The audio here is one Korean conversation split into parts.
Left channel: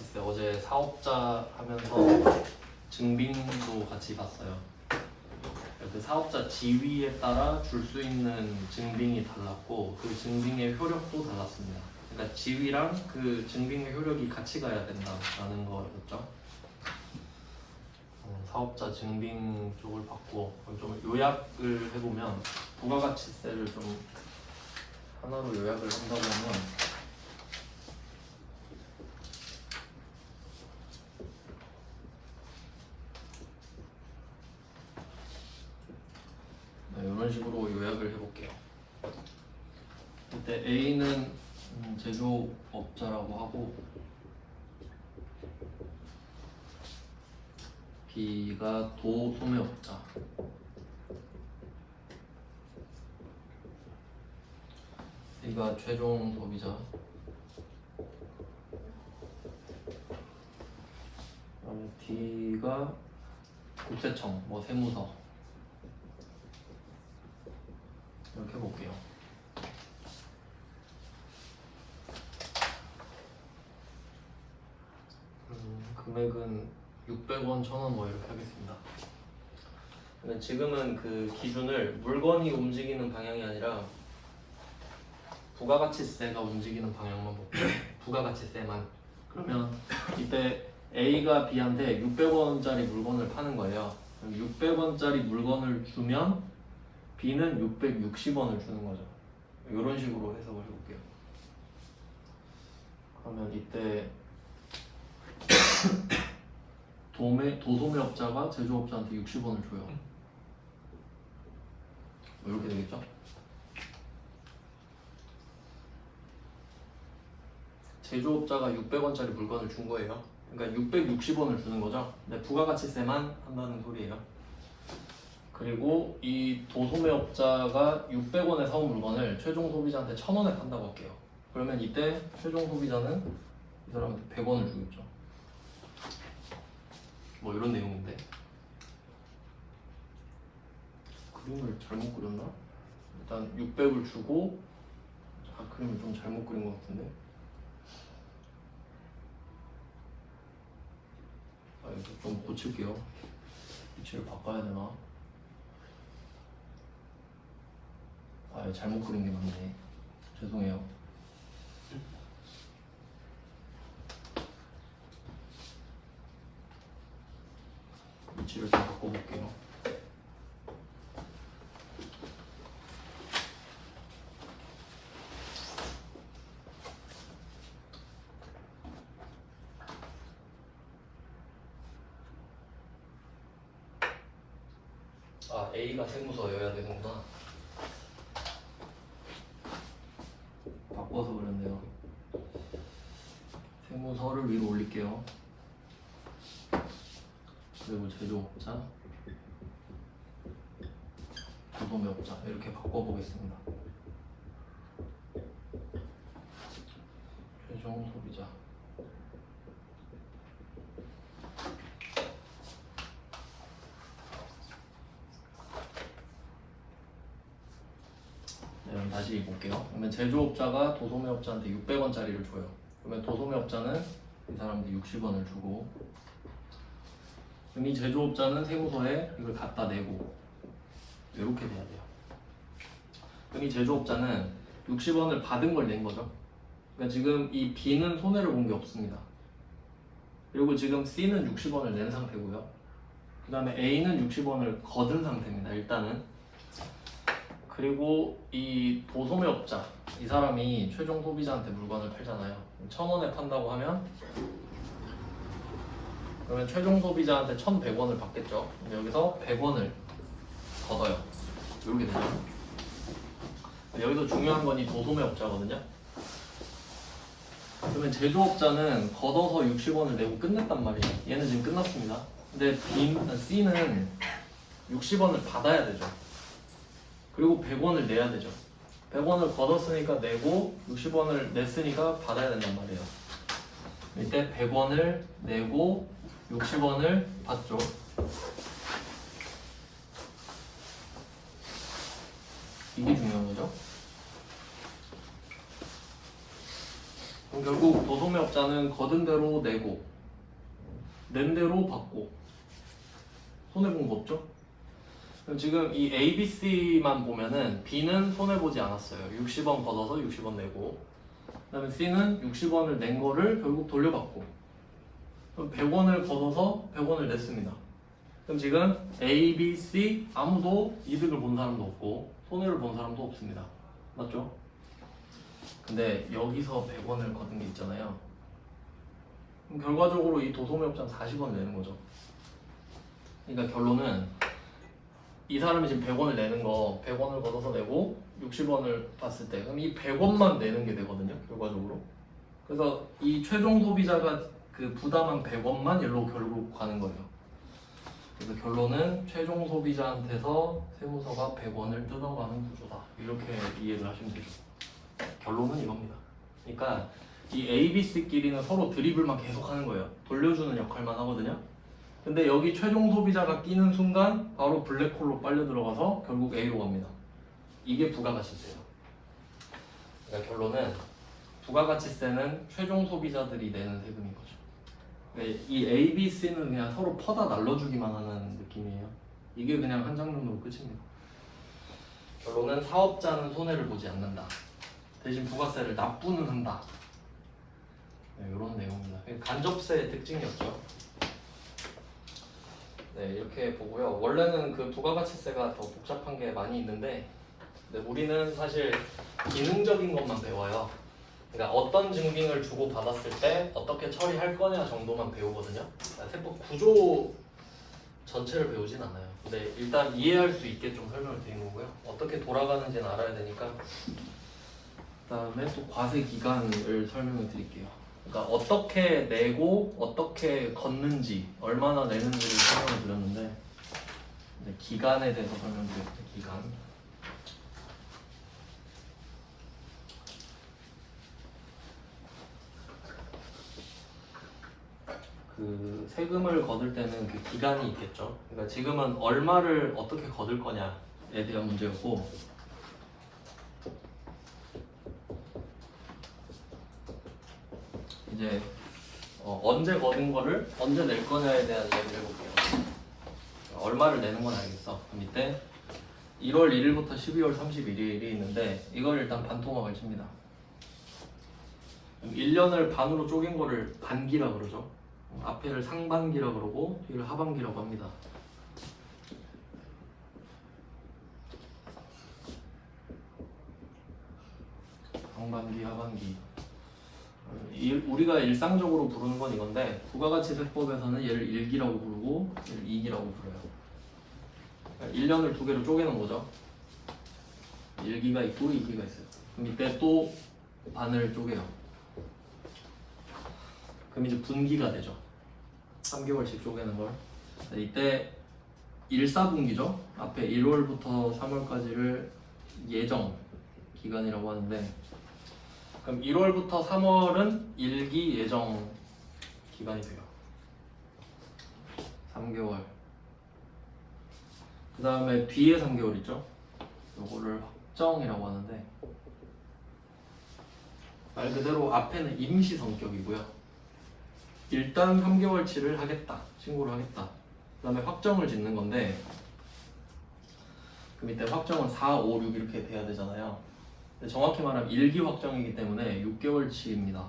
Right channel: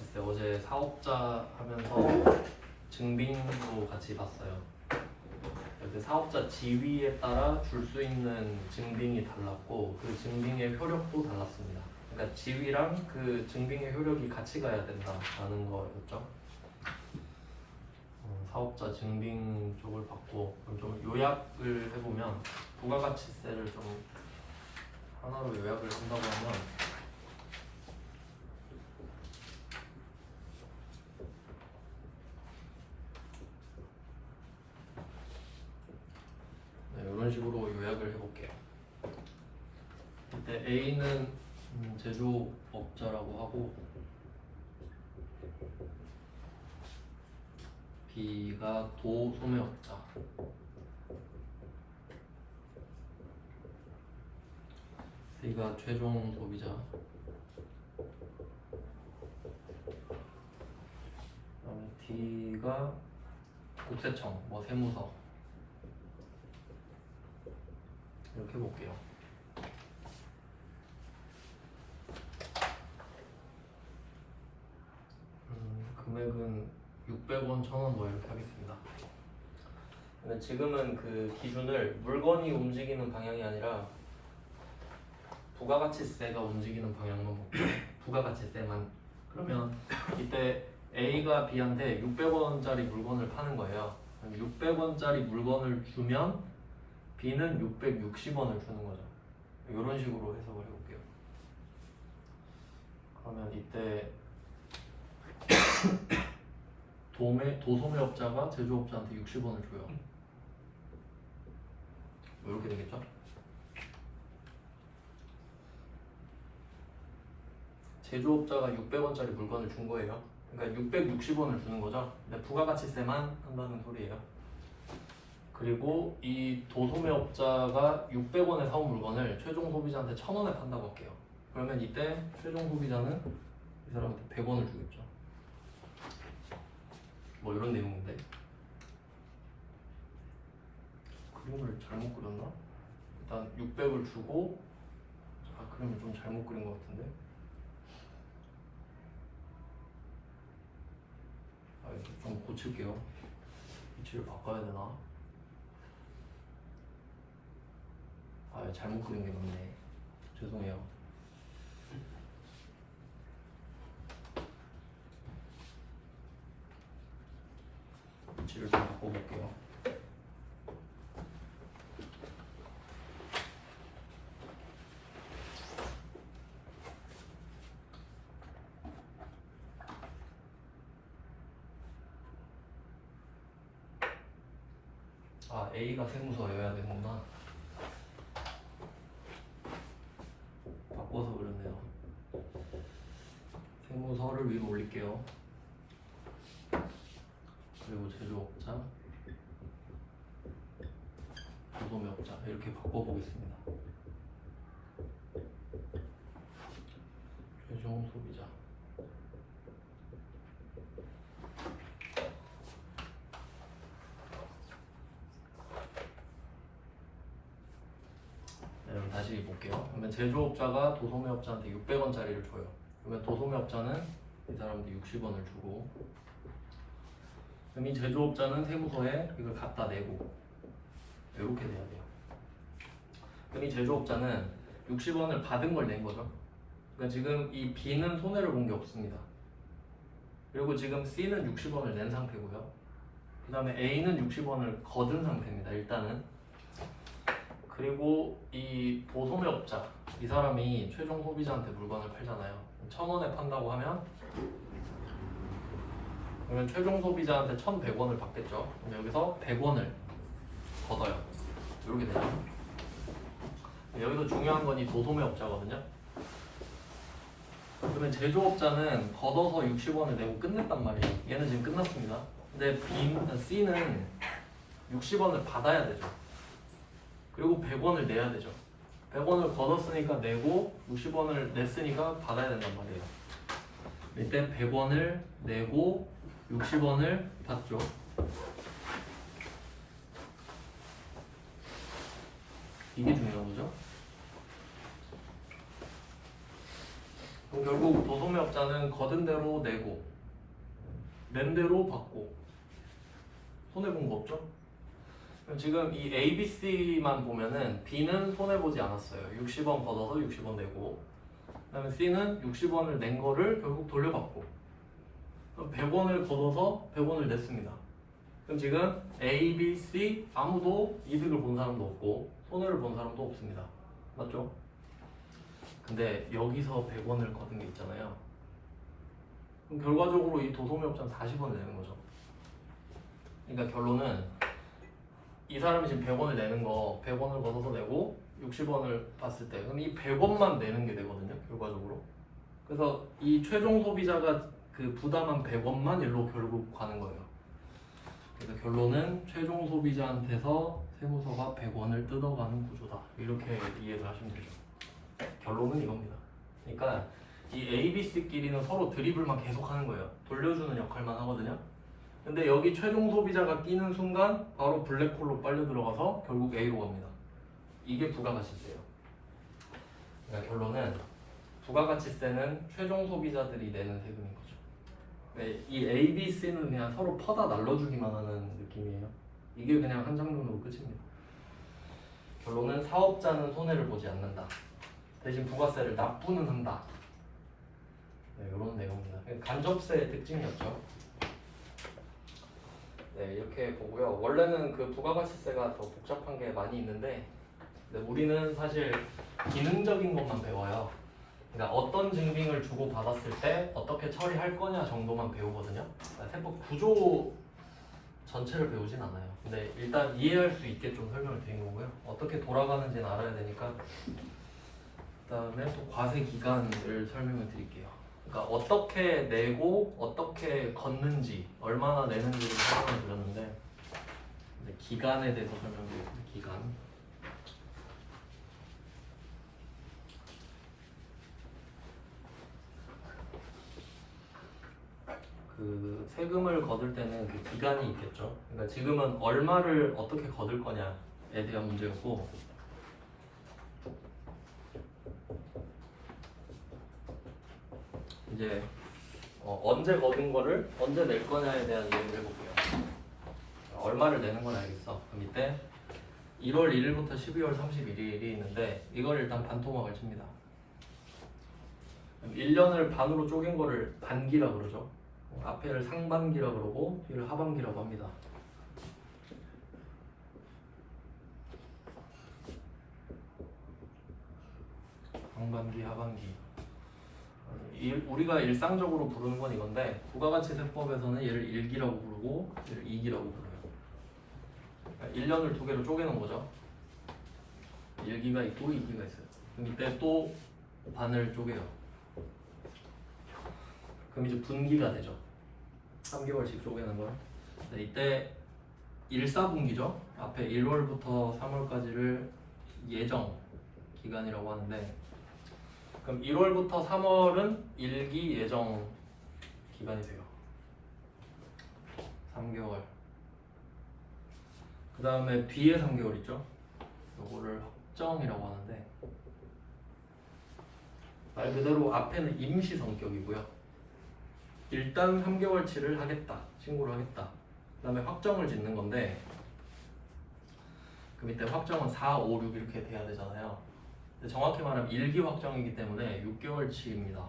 부가가치세 어제 사업자 하면서 증빙도 같이 봤어요. 그 사업자 지위에 따라 줄 수 있는 증빙이 달랐고 그 증빙의 효력도 달랐습니다. 그러니까 지위랑 그 증빙의 효력이 같이 가야 된다라는 거였죠. 사업자 증빙 쪽을 봤고 좀 요약을 해보면 부가가치세를 좀 하나로 요약을 한다고 하면 이런 식으로 요약을 해볼게요. 이때 A는 제조업자라고 하고 B가 도소매업자, C가 최종 소비자, 그다음에 D가 국세청, 뭐 세무서 이렇게 볼게요. 금액은 600원, 1000원 뭐 이렇게 하겠습니다. 근데 지금은 그 기준을 물건이 움직이는 방향이 아니라 부가가치세가 움직이는 방향만 볼게요. 부가가치세만. 그러면 이때 A가 B한테 600원짜리 물건을 파는 거예요. 그럼 600원짜리 물건을 주면 B는 660원을 주는 거죠. 이런 식으로 해석을 해볼게요. 그러면 이때 도소매업자가 제조업자한테 60원을 줘요. 이렇게 되겠죠? 제조업자가 600원짜리 물건을 준 거예요. 그러니까 660원을 주는 거죠. 근데 부가가치세만 한다는 소리예요. 그리고 이 도소매업자가 600원에 사온 물건을 최종 소비자한테 1000원에 판다고 할게요. 그러면 이때 최종 소비자는 이 사람한테 100원을 주겠죠. 뭐 이런 내용인데 그림을 잘못 그렸나? 일단 600을 주고 그림을 좀 잘못 그린 것 같은데 이거 좀 고칠게요. 위치를 바꿔야 되나? 잘못 그린 게 맞네. 죄송해요. 위치를 좀 바꿔볼게요. A가 세무서여야 되는구나. 바꿔서 그랬네요. 세무서를 위로 올릴게요. 그리고 제조업자, 도소매업자 이렇게 바꿔보겠습니다. 최종 소비자. 그럼 다시 볼게요. 그러면 제조업자가 도소매업자한테 600원짜리를 줘요. 그러면 도소매업자는 이 사람한테 60원을 주고 그럼 이 제조업자는 세무서에 이걸 갖다 내고 이렇게 돼야 돼요. 그럼 이 제조업자는 60원을 받은 걸 낸 거죠. 그러니까 지금 이 B는 손해를 본 게 없습니다. 그리고 지금 C는 60원을 낸 상태고요. 그 다음에 A는 60원을 거둔 상태입니다. 일단은. 그리고 이 도소매업자 이 사람이 최종 소비자한테 물건을 팔잖아요. 1000원에 판다고 하면 그러면 최종 소비자한테 1100원을 받겠죠. 여기서 100원을 걷어요. 이렇게 되죠. 여기서 중요한 건 이 도소매업자거든요. 그러면 제조업자는 걷어서 60원을 내고 끝냈단 말이에요. 얘는 지금 끝났습니다. 근데 C는 60원을 받아야 되죠. 그리고 100원을 내야 되죠. 100원을 걷었으니까 내고 60원을 냈으니까 받아야 된단 말이에요. 이때 100원을 내고 60원을 받죠. 이게 중요한 거죠. 그럼 결국 도소매업자는 거둔 대로 내고 낸 대로 받고 손해본 거 없죠? 그럼 지금 이 A, B, C만 보면은 B는 손해보지 않았어요. 60원 걷어서 60원 내고, 그 다음에 C는 60원을 낸 거를 결국 돌려받고, 그럼 100원을 걷어서 100원을 냈습니다. 그럼 지금 A, B, C 아무도 이득을 본 사람도 없고 손해를 본 사람도 없습니다. 맞죠? 근데 여기서 100원을 걷은 게 있잖아요. 그럼 결과적으로 이 도소매업자는 40원을 내는 거죠. 그러니까 결론은 이 사람이 지금 100원을 내는 거 100원을 걷어서 내고 60원을 봤을 때 그럼 이 100원만 내는 게 되거든요. 결과적으로. 그래서 이 최종 소비자가 그 부담한 100원만 일로 결국 가는 거예요. 그래서 결론은 최종 소비자한테서 세무서가 100원을 뜯어가는 구조다. 이렇게 이해를 하시면 되죠. 결론은 이겁니다. 그러니까 이 A, B, C끼리는 서로 드리블만 계속 하는 거예요. 돌려주는 역할만 하거든요. 근데 여기 최종 소비자가 끼는 순간 바로 블랙홀로 빨려 들어가서 결국 A로 갑니다. 이게 부가가치세예요. 그러니까 결론은 부가가치세는 최종 소비자들이 내는 세금인 거죠. 이 A, B, C는 그냥 서로 퍼다 날려주기만 하는 느낌이에요. 이게 그냥 한 장면으로 끝입니다. 결론은 사업자는 손해를 보지 않는다. 대신 부가세를 납부는 한다. 네, 이런 내용입니다. 간접세의 특징이었죠. 네, 이렇게 보고요. 원래는 그 부가가치세가 더 복잡한 게 많이 있는데, 네, 우리는 사실 기능적인 것만 배워요. 그러니까 어떤 증빙을 주고 받았을 때 어떻게 처리할 거냐 정도만 배우거든요. 그러니까 세법 구조 전체를 배우진 않아요. 근데 일단 이해할 수 있게 좀 설명을 드린 거고요. 어떻게 돌아가는지는 알아야 되니까. 그다음에 또 과세 기간을 설명을 드릴게요. 그러니까 어떻게 내고 어떻게 걷는지 얼마나 내는지를 설명을 드렸는데 이제 기간에 대해서 설명드렸거든요. 기간. 그 세금을 거둘 때는 그 기간이 있겠죠. 그러니까 지금은 얼마를 어떻게 거둘 거냐에 대한 문제였고, 이제 언제 거둔 거를 언제 낼 거냐에 대한 얘기를 해볼게요. 얼마를 내는 건 알겠어. 그럼 이때 1월 1일부터 12월 31일이 있는데 이걸 일단 반토막을 칩니다. 1년을 반으로 쪼갠 거를 반기라고 그러죠. 앞에를 상반기라고 그러고 뒤를 하반기라고 합니다. 상반기, 하반기. 우리가 일상적으로 부르는 건 이건데 부가가치세법에서는 얘를 1기라고 부르고 얘를 2기라고 불러요. 그러니까 1년을 두 개로 쪼개는 거죠. 1기가 있고 2기가 있어요. 그럼 이때 또 반을 쪼개요. 그럼 이제 분기가 되죠. 3개월씩 쪼개는 걸. 이때 1사분기죠. 앞에 1월부터 3월까지를 예정 기간이라고 하는데, 그럼 1월부터 3월은 1기 예정 기간이 돼요. 3개월. 그 다음에 뒤에 3개월 있죠. 요거를 확정이라고 하는데 말 그대로 앞에는 임시 성격이고요. 일단 3개월치를 하겠다, 신고를 하겠다. 그 다음에 확정을 짓는 건데, 그럼 이때 확정은 4, 5, 6 이렇게 돼야 되잖아요. 근데 정확히 말하면 1기 확정이기 때문에 6개월치입니다.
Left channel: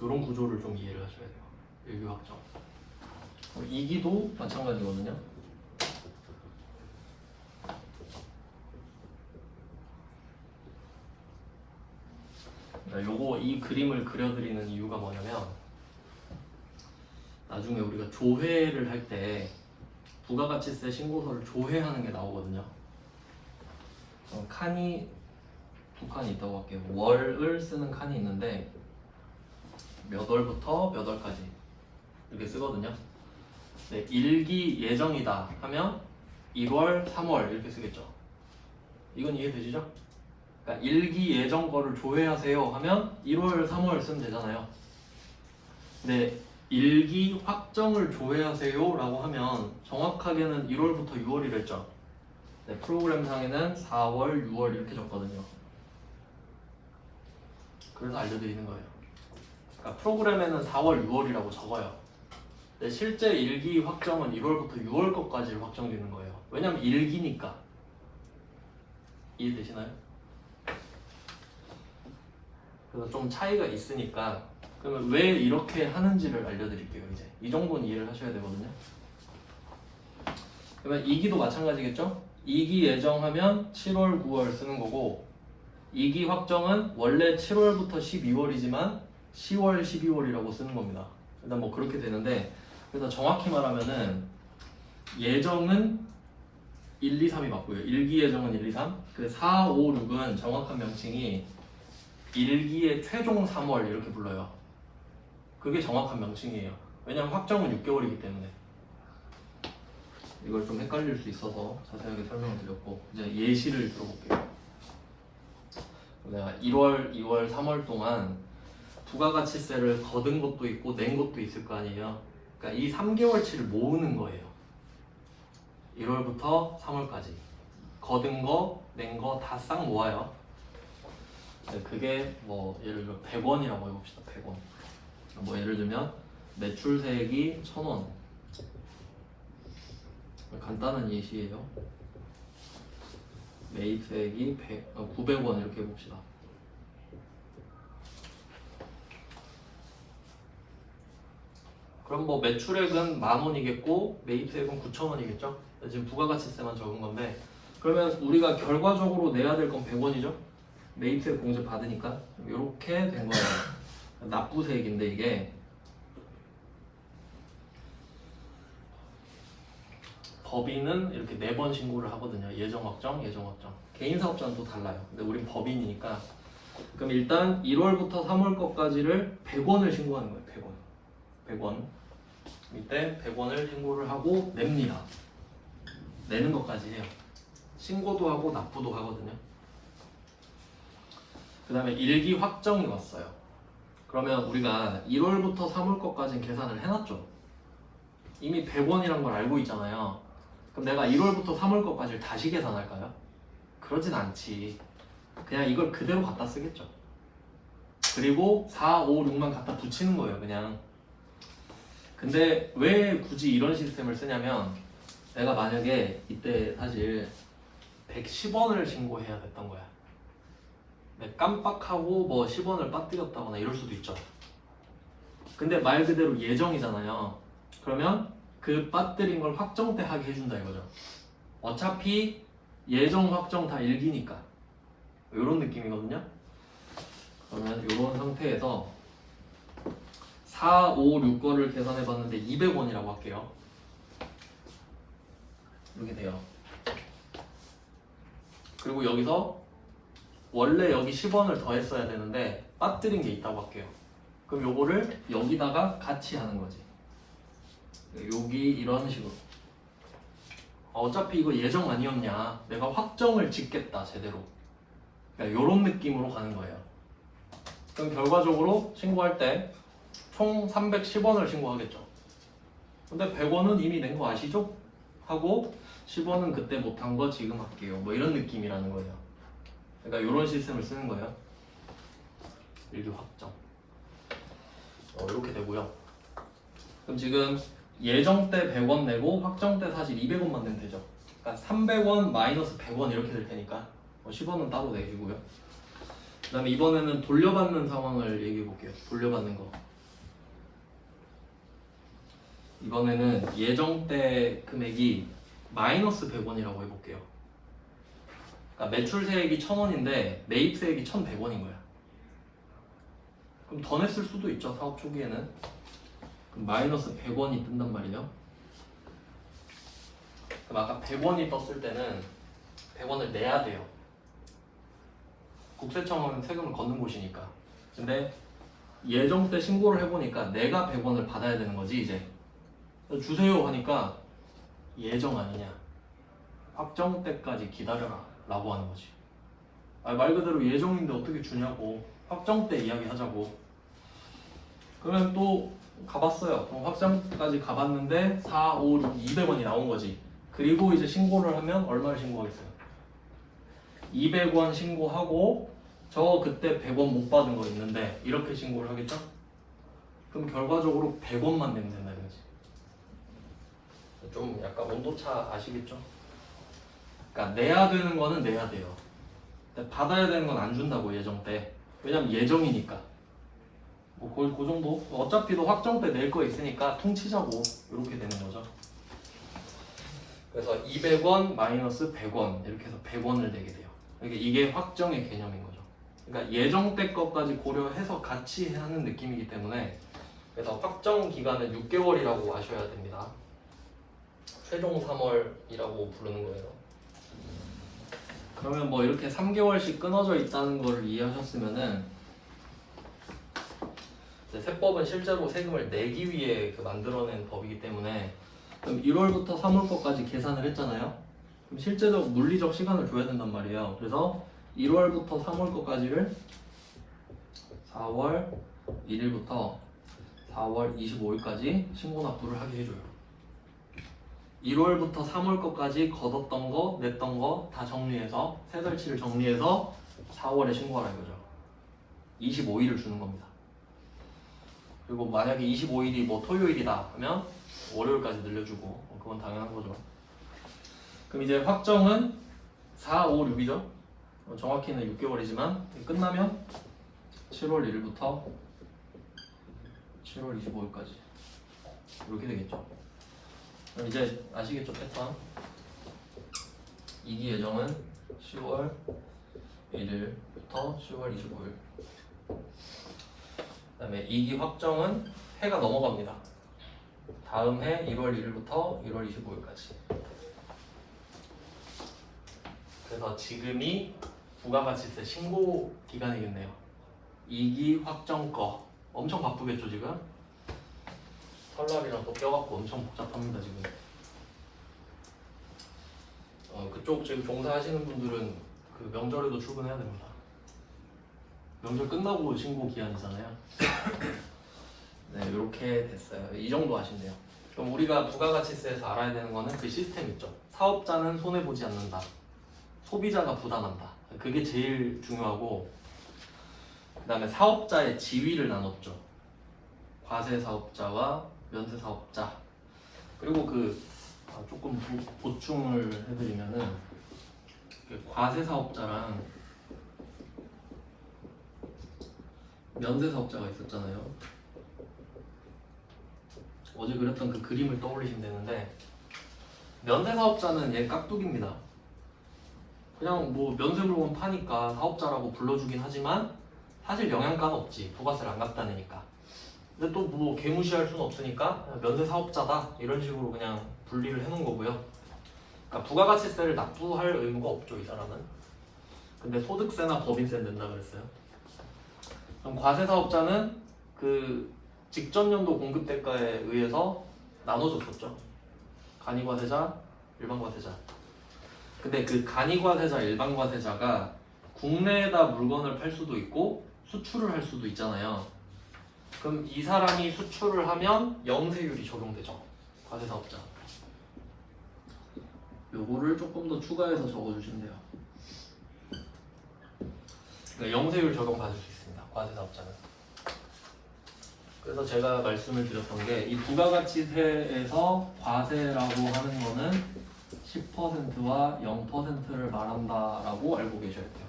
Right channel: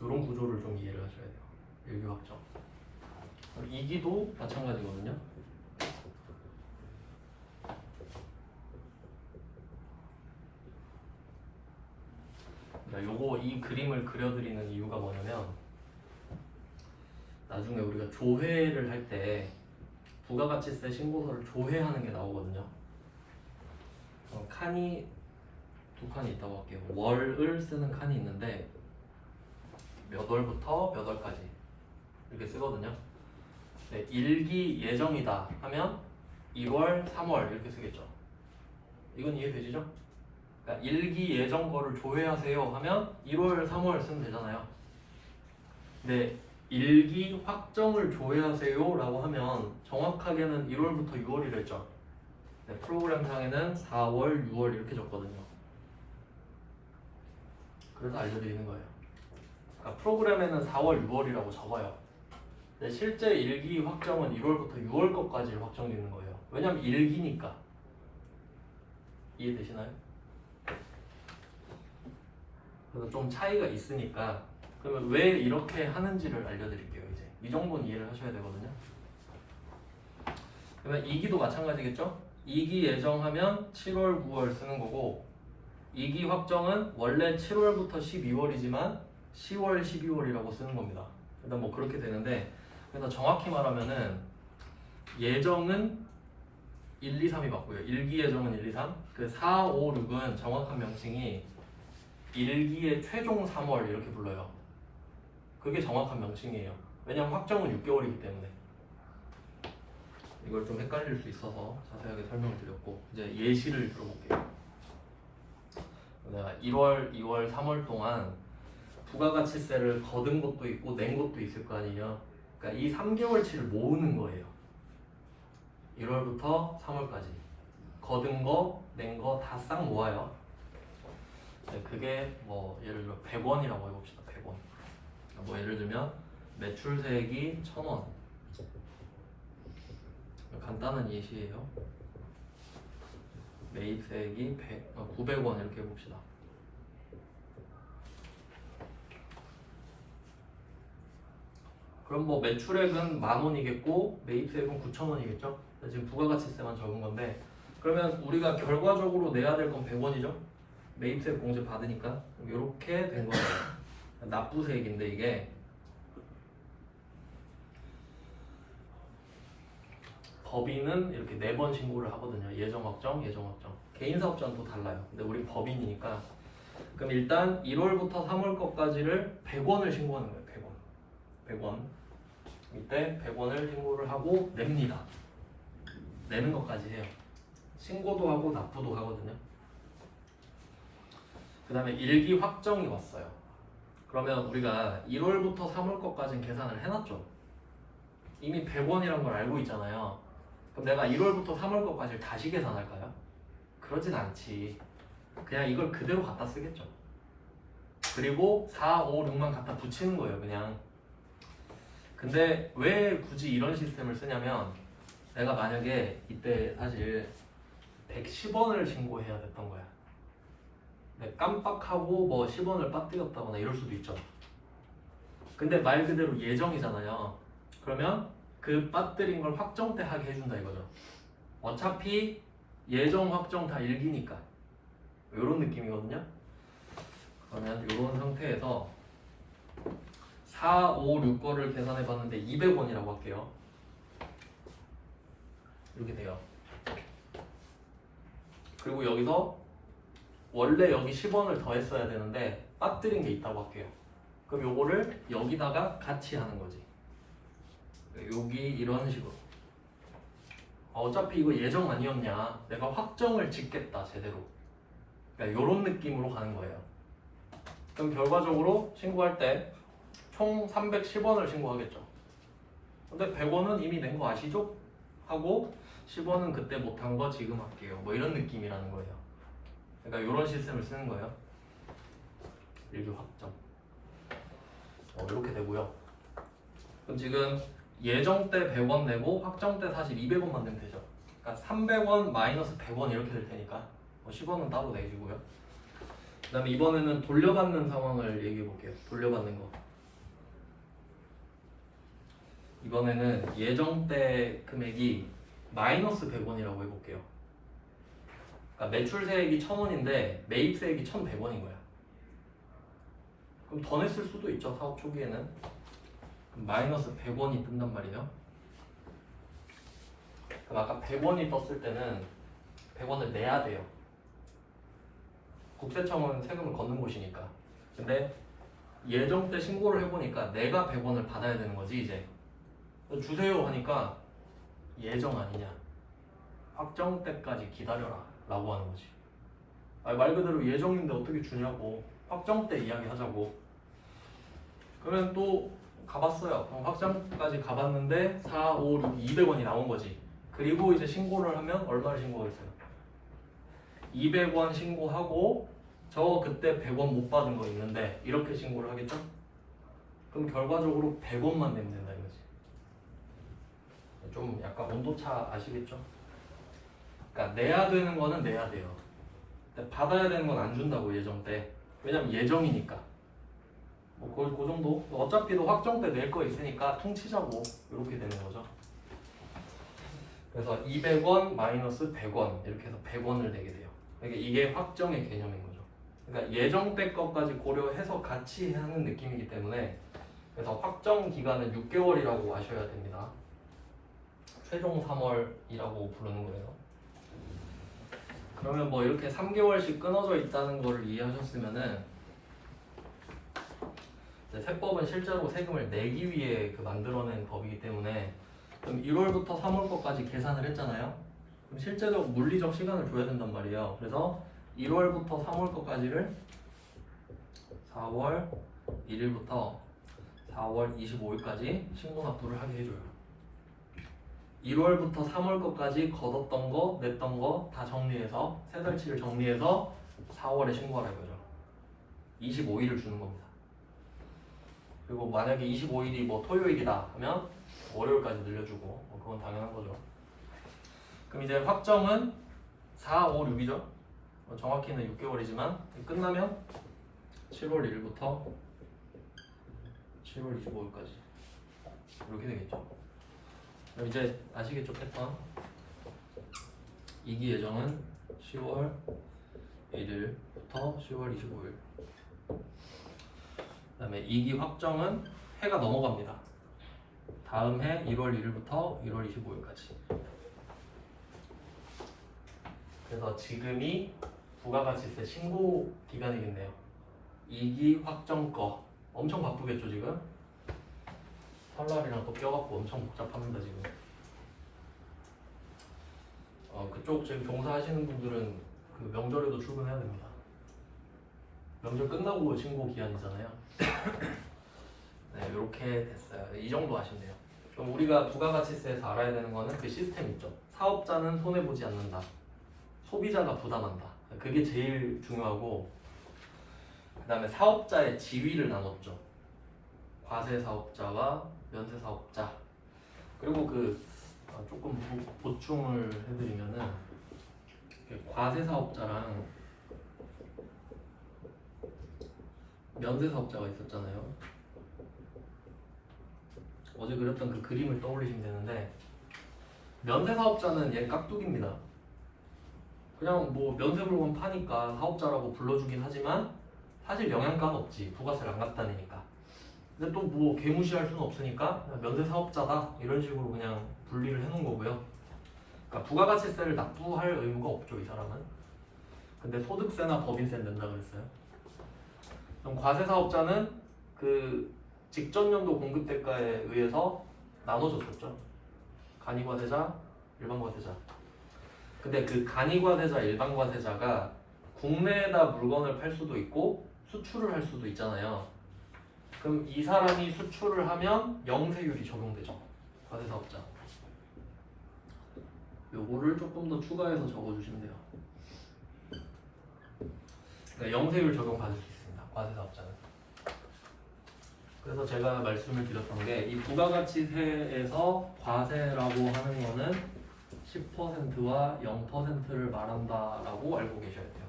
이런 구조를 좀 이해를 하셔야 돼요. 1기 확정. 2기도 마찬가지거든요. 요거 이 그림을 그려드리는 이유가 뭐냐면 나중에 우리가 조회를 할 때 부가가치세 신고서를 조회하는 게 나오거든요. 칸이 두 칸이 있다고 할게요. 월을 쓰는 칸이 있는데 몇 월부터 몇 월까지 이렇게 쓰거든요. 네, 1기 예정이다 하면 1월, 3월 이렇게 쓰겠죠. 이건 이해되시죠? 그러니까 1기 예정 거를 조회하세요 하면 1월, 3월 쓰면 되잖아요. 근데 1기 확정을 조회하세요 라고 하면 정확하게는 1월부터 6월이라 했죠. 네, 프로그램상에는 4월, 6월 이렇게 적거든요. 그래서 알려드리는 거예요. 그러니까 프로그램에는 4월, 6월이라고 적어요. 근데 실제 일기 확정은 1월부터 6월 것까지 확정되는 거예요. 왜냐면 일기니까. 이해되시나요? 그래서 좀 차이가 있으니까 그러면 왜 이렇게 하는지를 알려드릴게요. 이제 이 정도는 이해를 하셔야 되거든요. 그러면 2기도 마찬가지겠죠? 2기 예정하면 7월, 9월 쓰는 거고 2기 확정은 원래 7월부터 12월이지만 10월, 12월이라고 쓰는 겁니다. 일단 뭐 그렇게 되는데 그래서 정확히 말하면은 예정은 1, 2, 3이 맞고요. 1기 예정은 1, 2, 3. 그 4, 5, 6은 정확한 명칭이 1기의 최종 3월 이렇게 불러요. 그게 정확한 명칭이에요. 왜냐면 확정은 6개월이기 때문에. 이걸 좀 헷갈릴 수 있어서 자세하게 설명을 드렸고 이제 예시를 들어볼게요. 내가 1월, 2월, 3월 동안 부가가치세를 거둔 것도 있고 낸 것도 있을 거 아니에요. 그러니까 이 3개월치를 모으는 거예요. 1월부터 3월까지 거둔 거, 낸 거 다 싹 모아요. 그게 뭐 예를 들어 100원이라고 해봅시다. 100원. 뭐 예를 들면 매출세액이 1,000원. 간단한 예시예요. 매입세액이 900원 이렇게 해봅시다. 그럼 뭐 매출액은 10,000원이겠고 매입세액은 9,000원이겠죠? 지금 부가가치세만 적은 건데 그러면 우리가 결과적으로 내야 될 건 100원이죠? 매입세액 공제 받으니까 이렇게 된 거예요. 납부세액인데 이게 법인은 이렇게 4번 신고를 하거든요. 예정확정, 예정확정. 개인사업자는 또 달라요. 근데 우린 법인이니까 그럼 일단 1월부터 3월 것까지를 100원을 신고하는 거예요. 100원. 100원. 이때 100원을 신고를 하고 냅니다. 내는 것까지 해요. 신고도 하고 납부도 하거든요. 그 다음에 일기 확정이 왔어요. 그러면 우리가 1월부터 3월 것까지는 계산을 해놨죠. 이미 100원이란 걸 알고 있잖아요. 그럼 내가 1월부터 3월 것까지를 다시 계산할까요? 그러진 않지. 그냥 이걸 그대로 갖다 쓰겠죠. 그리고 4, 5, 6만 갖다 붙이는 거예요. 그냥. 근데 왜 굳이 이런 시스템을 쓰냐면 내가 만약에 이때 사실 110원을 신고해야 됐던 거야. 깜빡하고 뭐 10원을 빠뜨렸다거나 이럴 수도 있죠. 근데 말 그대로 예정이잖아요. 그러면 그 빠뜨린 걸 확정 때 하게 해준다 이거죠. 어차피 예정 확정 다 일기니까 이런 느낌이거든요. 그러면 이런 상태에서 4, 5, 6 거를 계산해 봤는데 200원이라고 할게요. 이렇게 돼요. 그리고 여기서 원래 여기 10원을 더 했어야 되는데 빠뜨린 게 있다고 할게요. 그럼 요거를 여기다가 같이 하는 거지. 여기 이런 식으로. 어차피 이거 예정 아니었냐. 내가 확정을 짓겠다 제대로. 그러니까 요런 느낌으로 가는 거예요. 그럼 결과적으로 신고할 때 총 310원을 신고하겠죠. 근데 100원은 이미 낸 거 아시죠? 하고 10원은 그때 못한 거 지금 할게요. 뭐 이런 느낌이라는 거예요. 그러니까 이런 시스템을 쓰는 거예요. 일기 확정. 이렇게 되고요. 그럼 지금 예정 때 100원 내고 확정 때 사실 200원만 내면 되죠. 그러니까 300원 마이너스 100원 이렇게 될 테니까 10원은 따로 내주고요. 그 다음에 이번에는 돌려받는 상황을 얘기해 볼게요. 돌려받는 거. 이번에는 예정 때 금액이 마이너스 100원이라고 해볼게요. 그러니까 매출세액이 1,000원인데 매입세액이 1,100원인 거야. 그럼 더 냈을 수도 있죠. 사업 초기에는. 그럼 마이너스 100원이 뜬단 말이에요. 그럼 아까 100원이 떴을 때는 100원을 내야 돼요. 국세청은 세금을 걷는 곳이니까. 근데 예정 때 신고를 해보니까 내가 100원을 받아야 되는 거지 이제. 주세요 하니까 예정 아니냐. 확정 때까지 기다려라 라고 하는 거지. 말 그대로 예정인데 어떻게 주냐고. 확정 때 이야기하자고. 그러면 또 가봤어요. 그럼 확정까지 가봤는데 4, 5, 6, 200원이 나온 거지. 그리고 이제 신고를 하면 얼마를 신고하겠어요? 200원 신고하고 저 그때 100원 못 받은 거 있는데 이렇게 신고를 하겠죠? 그럼 결과적으로 100원만 내면 된다 이거지. 좀 약간 온도차 아시겠죠? 그러니까 내야 되는 거는 내야 돼요. 근데 받아야 되는 건 안 준다고 예정 때. 왜냐면 예정이니까. 뭐 그 정도. 어차피 도 확정 때 낼 거 있으니까 통치자고 이렇게 되는 거죠. 그래서 200원 마이너스 100원 이렇게 해서 100원을 내게 돼요. 이게 확정의 개념인 거죠. 그러니까 예정 때 것까지 고려해서 같이 하는 느낌이기 때문에 그래서 확정 기간은 6개월이라고 아셔야 됩니다. 최종 3월이라고 부르는 거예요. 그러면 뭐 이렇게 3개월씩 끊어져 있다는 걸 이해하셨으면은 이제 세법은 실제로 세금을 내기 위해 만들어낸 법이기 때문에 그럼 1월부터 3월 것까지 계산을 했잖아요. 그럼 실제적 물리적 시간을 줘야 된단 말이에요. 그래서 1월부터 3월 것까지를 4월 1일부터 4월 25일까지 신고 납부를 하게 해줘요. 1월부터 3월 것까지 걷었던 거, 냈던 거 다 정리해서 세 달치를 정리해서 4월에 신고하라 이거죠. 25일을 주는 겁니다. 그리고 만약에 25일이 뭐 토요일이다 하면 월요일까지 늘려주고 그건 당연한 거죠. 그럼 이제 확정은 4, 5, 6이죠. 정확히는 6개월이지만 끝나면 7월 1일부터 7월 25일까지 이렇게 되겠죠. 그럼 이제 아시겠죠 패턴? 이기 예정은 10월 1일부터 10월 25일. 그다음에 이기 확정은 해가 넘어갑니다. 다음 해 1월 1일부터 1월 25일까지. 그래서 지금이 부가가치세 신고 기간이겠네요. 이기 확정 거 엄청 바쁘겠죠 지금? 설날이랑 또 껴갖고 엄청 복잡합니다 지금. 그쪽 지금 종사하시는 분들은 그 명절에도 출근해야 됩니다. 명절 끝나고 신고 기한이잖아요. 네, 이렇게 됐어요. 이 정도 아시네요. 그럼 우리가 부가가치세에서 알아야 되는 거는 그 시스템 있죠. 사업자는 손해 보지 않는다. 소비자가 부담한다. 그게 제일 중요하고, 그다음에 사업자의 지위를 나눴죠. 과세 사업자와 면세 사업자. 그리고 조금 보충을 해드리면은 과세 사업자랑 면세 사업자가 있었잖아요. 어제 그렸던 그 그림을 떠올리시면 되는데 면세 사업자는 얘 깍두기입니다. 그냥 뭐 면세 물건 파니까 사업자라고 불러주긴 하지만 사실 영양가는 없지. 부가세를 안 갖다 내니까. 근데 또 뭐 개무시할 수는 없으니까 면세 사업자다 이런 식으로 그냥 분리를 해놓은 거고요. 그러니까 부가가치세를 납부할 의무가 없죠 이 사람은. 근데 소득세나 법인세는 낸다 그랬어요. 그럼 과세 사업자는 그 직전 연도 공급 대가에 의해서 나눠졌었죠. 간이과세자, 일반과세자. 근데 그 간이과세자, 일반과세자가 국내에다 물건을 팔 수도 있고 수출을 할 수도 있잖아요. 그럼 이 사람이 수출을 하면 영세율이 적용되죠. 과세 사업자. 요거를 조금 더 추가해서 적어주시면 돼요. 그러니까 영세율 적용 받을 수 있습니다. 과세 사업자는. 그래서 제가 말씀을 드렸던 게 이 부가가치세에서 과세라고 하는 거는 10%와 0%를 말한다라고 알고 계셔야 돼요.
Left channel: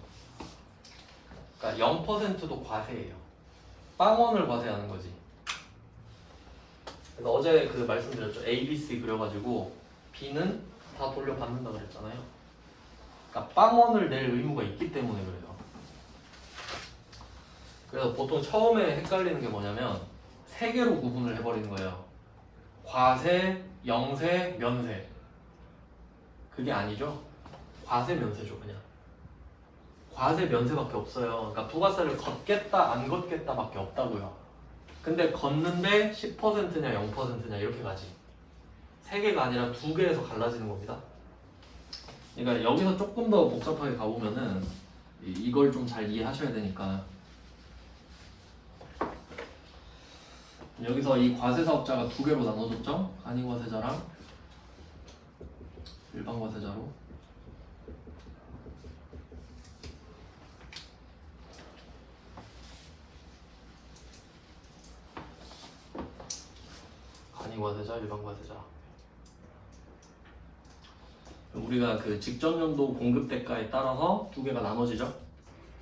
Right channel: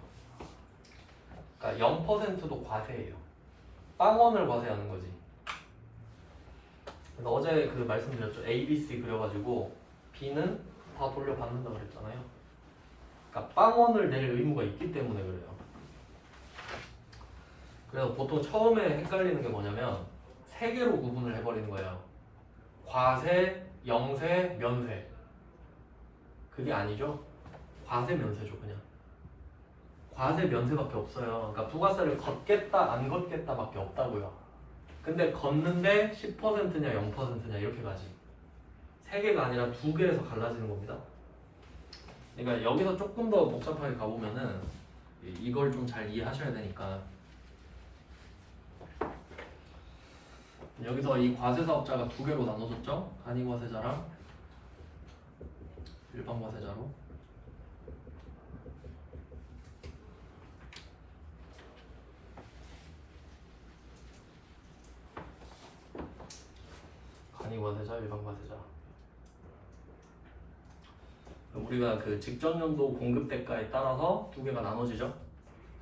그러니까 0%도 과세예요. 빵원을 과세하는 거지. 그래서 어제 그 말씀드렸죠. A, B, C 그려가지고 B는 다 돌려받는다 그랬잖아요. 그러니까 빵원을 낼 의무가 있기 때문에 그래요. 그래서 보통 처음에 헷갈리는 게 뭐냐면 세 개로 구분을 해버리는 거예요. 과세, 영세, 면세. 그게 아니죠. 과세, 면세죠 그냥. 과세, 면세밖에 없어요. 그러니까 부가세를 걷겠다, 안 걷겠다밖에 없다고요. 근데 걷는데 10%냐 0%냐 이렇게 가지. 세 개가 아니라 두 개에서 갈라지는 겁니다. 그러니까 여기서 조금 더 복잡하게 가보면은 이걸 좀 잘 이해하셔야 되니까 여기서 이 과세 사업자가 두 개로 나눠졌죠? 간이과세자랑 일반과세자로. 일반 과세자. 우리가 그 직전 연도 공급 대가에 따라서 두 개가 나눠지죠.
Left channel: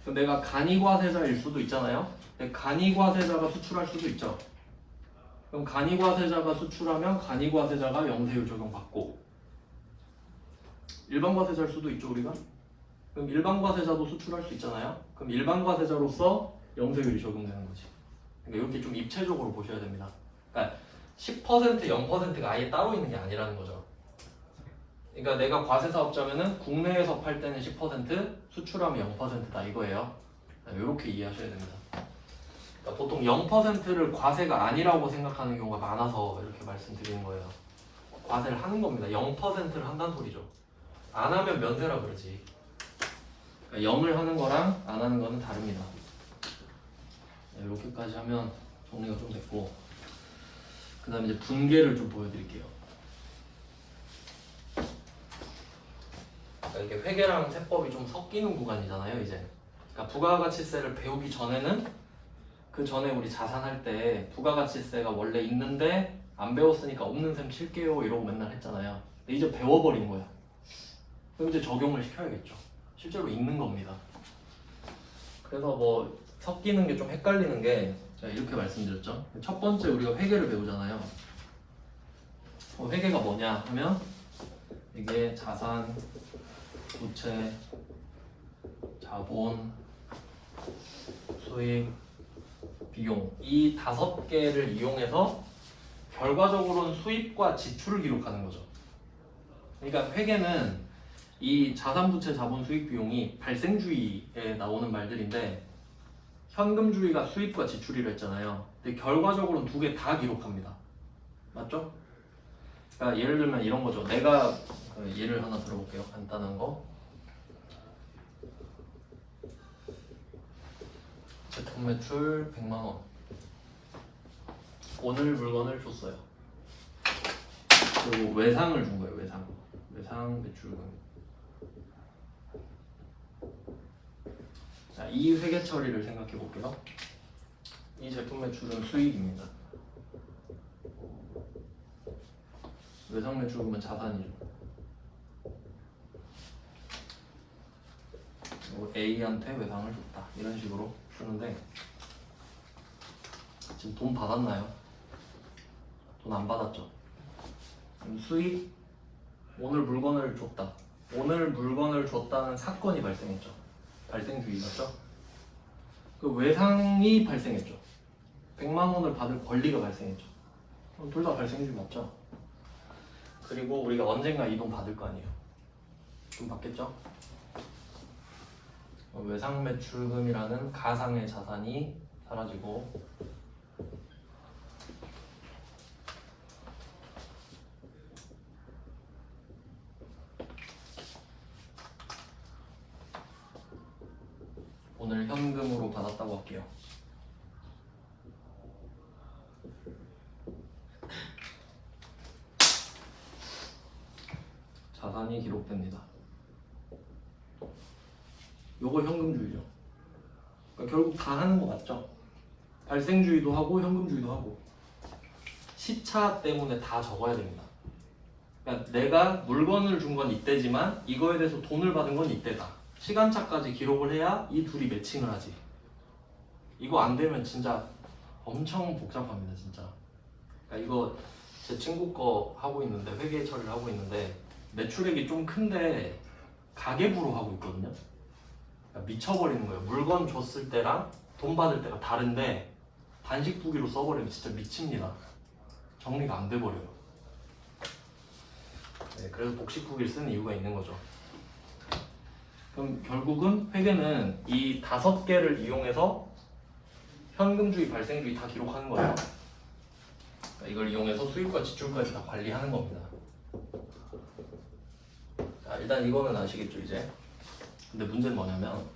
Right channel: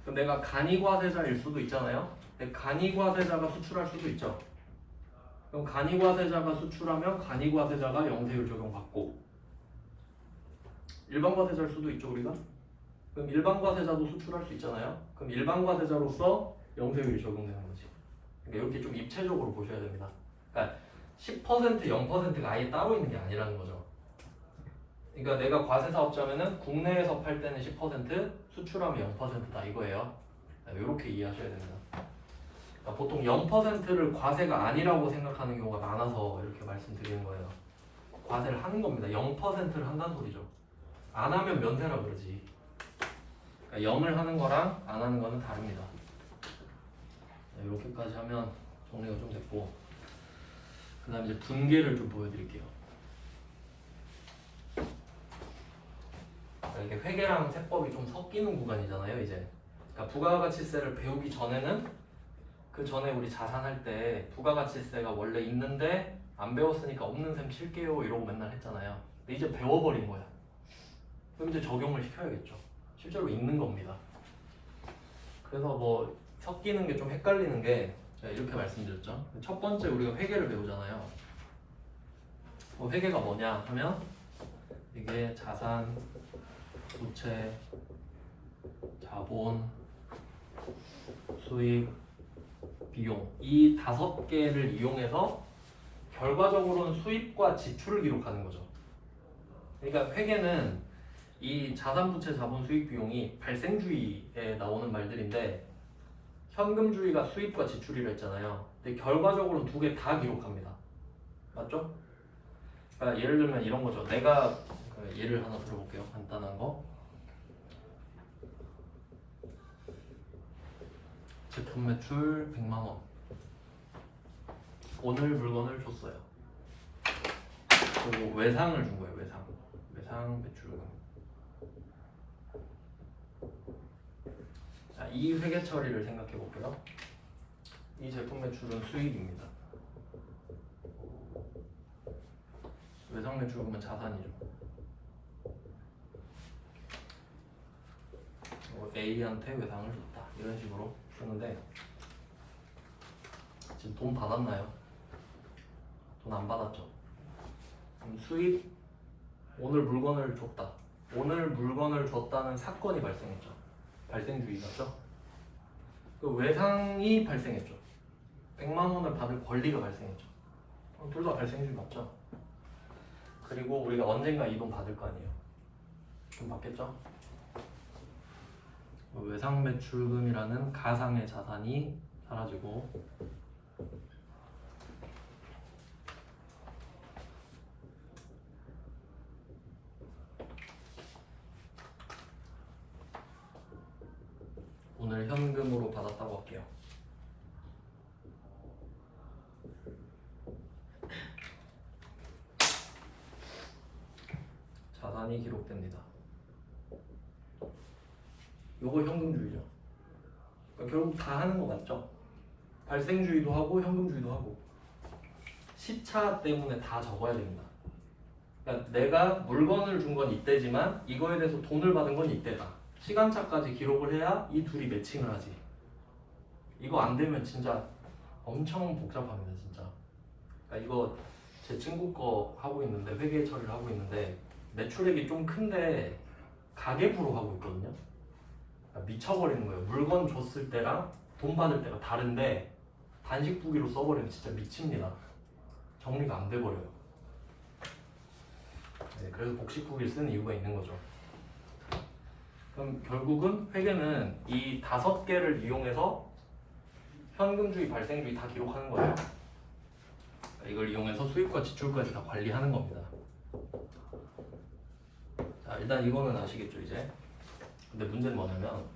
그럼 내가 간이과세자일 수도 있잖아요. 근데 간이과세자가 수출할 수도 있죠. 그럼 간이과세자가 수출하면 간이과세자가 영세율 적용받고, 일반과세자일 수도 있죠 우리가. 그럼 일반과세자도 수출할 수 있잖아요. 그럼 일반과세자로서 영세율이 적용되는 거지. 그러니까 이렇게 좀 입체적으로 보셔야 됩니다. 그러니까 10% 0%가 아예 따로 있는 게 아니라는 거죠. 그러니까 내가 과세사업자면은 국내에서 팔 때는 10%, 수출하면 0%다 이거예요. 이렇게 이해하셔야 됩니다. 그러니까 보통 0%를 과세가 아니라고 생각하는 경우가 많아서 이렇게 말씀드리는 거예요. 과세를 하는 겁니다. 0%를 한다는 소리죠. 안 하면 면세라 그러지. 그러니까 0을 하는 거랑 안 하는 거는 다릅니다. 이렇게까지 하면 정리가 좀 됐고, 그 다음에 이제 분계를 좀 보여드릴게요. 이렇게 회계랑 세법이 좀 섞이는 구간이잖아요 이제. 그러니까 부가가치세를 배우기 전에는, 그 전에 우리 자산할 때 부가가치세가 원래 있는데 안 배웠으니까 없는 셈 칠게요 이러고 맨날 했잖아요. 근데 이제 배워버린 거야. 그럼 이제 적용을 시켜야겠죠. 실제로 있는 겁니다. 그래서 뭐 섞이는 게 좀 헷갈리는 게, 제가 이렇게 말씀드렸죠. 첫 번째 우리가 회계를 배우잖아요. 회계가 뭐냐 하면 이게 자산, 부채, 자본, 수익, 비용, 이 5개를 이용해서 결과적으로는 수입과 지출을 기록하는 거죠. 그러니까 회계는 이 자산, 부채, 자본, 수익, 비용이 발생주의에 나오는 말들인데, 현금주의가 수입과 지출이라 했잖아요. 근데 결과적으로는 두 개 다 기록합니다. 맞죠? 그러니까 예를 들면 이런 거죠. 내가 예를 하나 들어볼게요. 간단한 거. 제품 매출 100만 원. 오늘 물건을 줬어요. 그리고 외상을 준 거예요. 외상 매출금. 자, 이 회계 처리를 생각해 볼게요. 이 제품 매출은 수익입니다. 외상 매출금은 자산이죠. A한테 외상을 줬다. 이런 식으로 쓰는데, 지금 돈 받았나요? 돈 안 받았죠. 수익, 오늘 물건을 줬다. 오늘 물건을 줬다는 사건이 발생했죠. 발생주의 맞죠? 그 외상이 발생했죠. 100만 원을 받을 권리가 발생했죠. 둘 다 발생주의 맞죠? 그리고 우리가 언젠가 이 돈 받을 거 아니에요. 돈 받겠죠? 외상 매출금이라는 가상의 자산이 사라지고, 오늘 현금으로 받았다고 할게요. 자산이 기록됩니다. 요거 현금주의죠. 그러니까 결국 다 하는 거 맞죠? 발생주의도 하고 현금주의도 하고. 시차 때문에 다 적어야 됩니다. 그러니까 내가 물건을 준 건 이때지만 이거에 대해서 돈을 받은 건 이때다. 시간차까지 기록을 해야 이 둘이 매칭을 하지. 이거 안 되면 진짜 엄청 복잡합니다, 진짜. 그러니까 이거 제 친구 거 하고 있는데, 회계 처리를 하고 있는데, 매출액이 좀 큰데 가계부로 하고 있거든요. 그러니까 미쳐버리는 거예요. 물건 줬을 때랑 돈 받을 때가 다른데 단식부기로 써버리면 진짜 미칩니다. 정리가 안 돼버려요. 네, 그래서 복식부기를 쓰는 이유가 있는 거죠. 그럼 결국은 회계는 이 5개를 이용해서 현금주의, 발생주의 다 기록하는 거예요. 그러니까 이걸 이용해서 수입과 지출까지 다 관리하는 겁니다. 자, 일단 이거는 아시겠죠 이제. 근데 문제는 뭐냐면,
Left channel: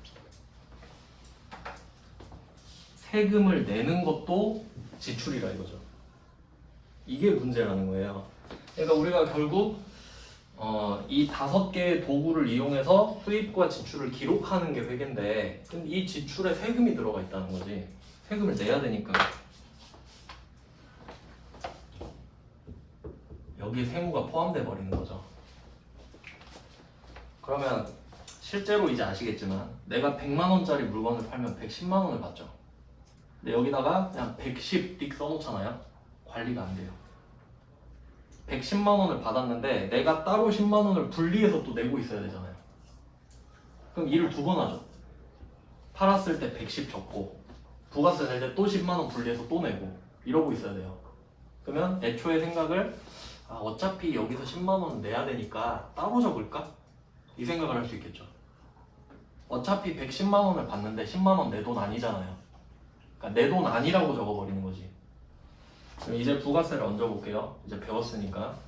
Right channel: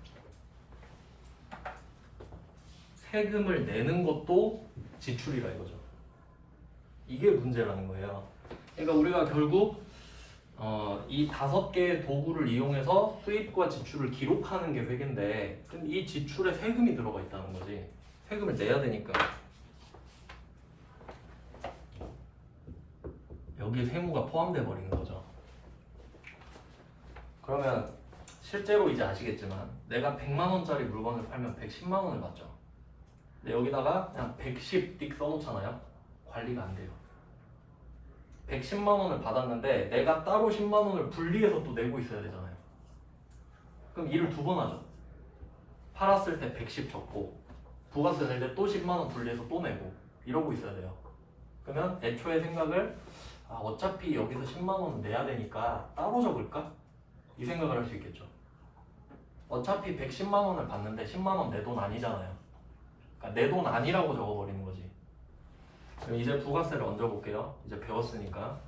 세금을 내는 것도 지출이라 이거죠. 이게 문제라는 거예요. 그러니까 우리가 결국 이 5개의 도구를 이용해서 수입과 지출을 기록하는 게 회계인데, 근데 이 지출에 세금이 들어가 있다는 거지. 세금을 내야 되니까. 여기에 세무가 포함돼 버리는 거죠. 그러면 실제로 이제 아시겠지만 내가 100만 원짜리 물건을 팔면 110만 원을 받죠. 근데 여기다가 그냥 110 띡 써놓잖아요. 관리가 안 돼요. 110만 원을 받았는데 내가 따로 10만 원을 분리해서 또 내고 있어야 되잖아요. 그럼 일을 두 번 하죠. 팔았을 때 110 적고 부가세 낼 때 또 10만 원 분리해서 또 내고 이러고 있어야 돼요. 그러면 애초에 생각을 어차피 여기서 10만 원 내야 되니까 따로 적을까? 이 생각을 할 수 있겠죠. 어차피 110만 원을 받는데 10만 원 내 돈 아니잖아요. 그러니까 내 돈 아니라고 적어버리는 거지. 그럼 이제 부가세를 얹어볼게요. 이제 배웠으니까.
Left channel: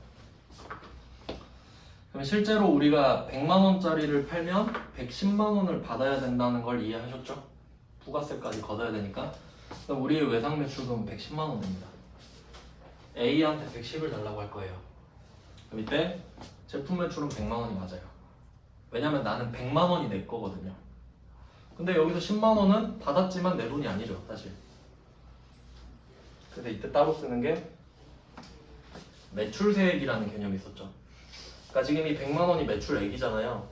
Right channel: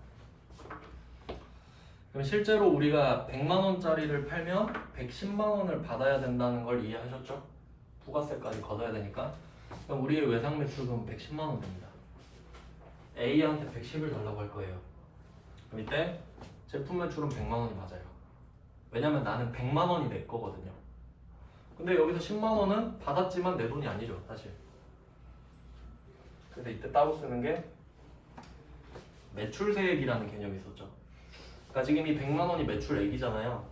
그럼 실제로 우리가 100만 원짜리를 팔면 110만 원을 받아야 된다는 걸 이해하셨죠? 부가세까지 걷어야 되니까. 그럼 우리의 외상 매출금은 110만 원입니다. A한테 110을 달라고 할 거예요. 그럼 이때 제품 매출은 100만 원이 맞아요. 왜냐면 나는 100만 원이 내 거거든요. 근데 여기서 10만 원은 받았지만 내 돈이 아니죠, 사실. 그래서 이때 따로 쓰는 게 매출세액이라는 개념이 있었죠. 그러니까 지금 이 100만 원이 매출액이잖아요.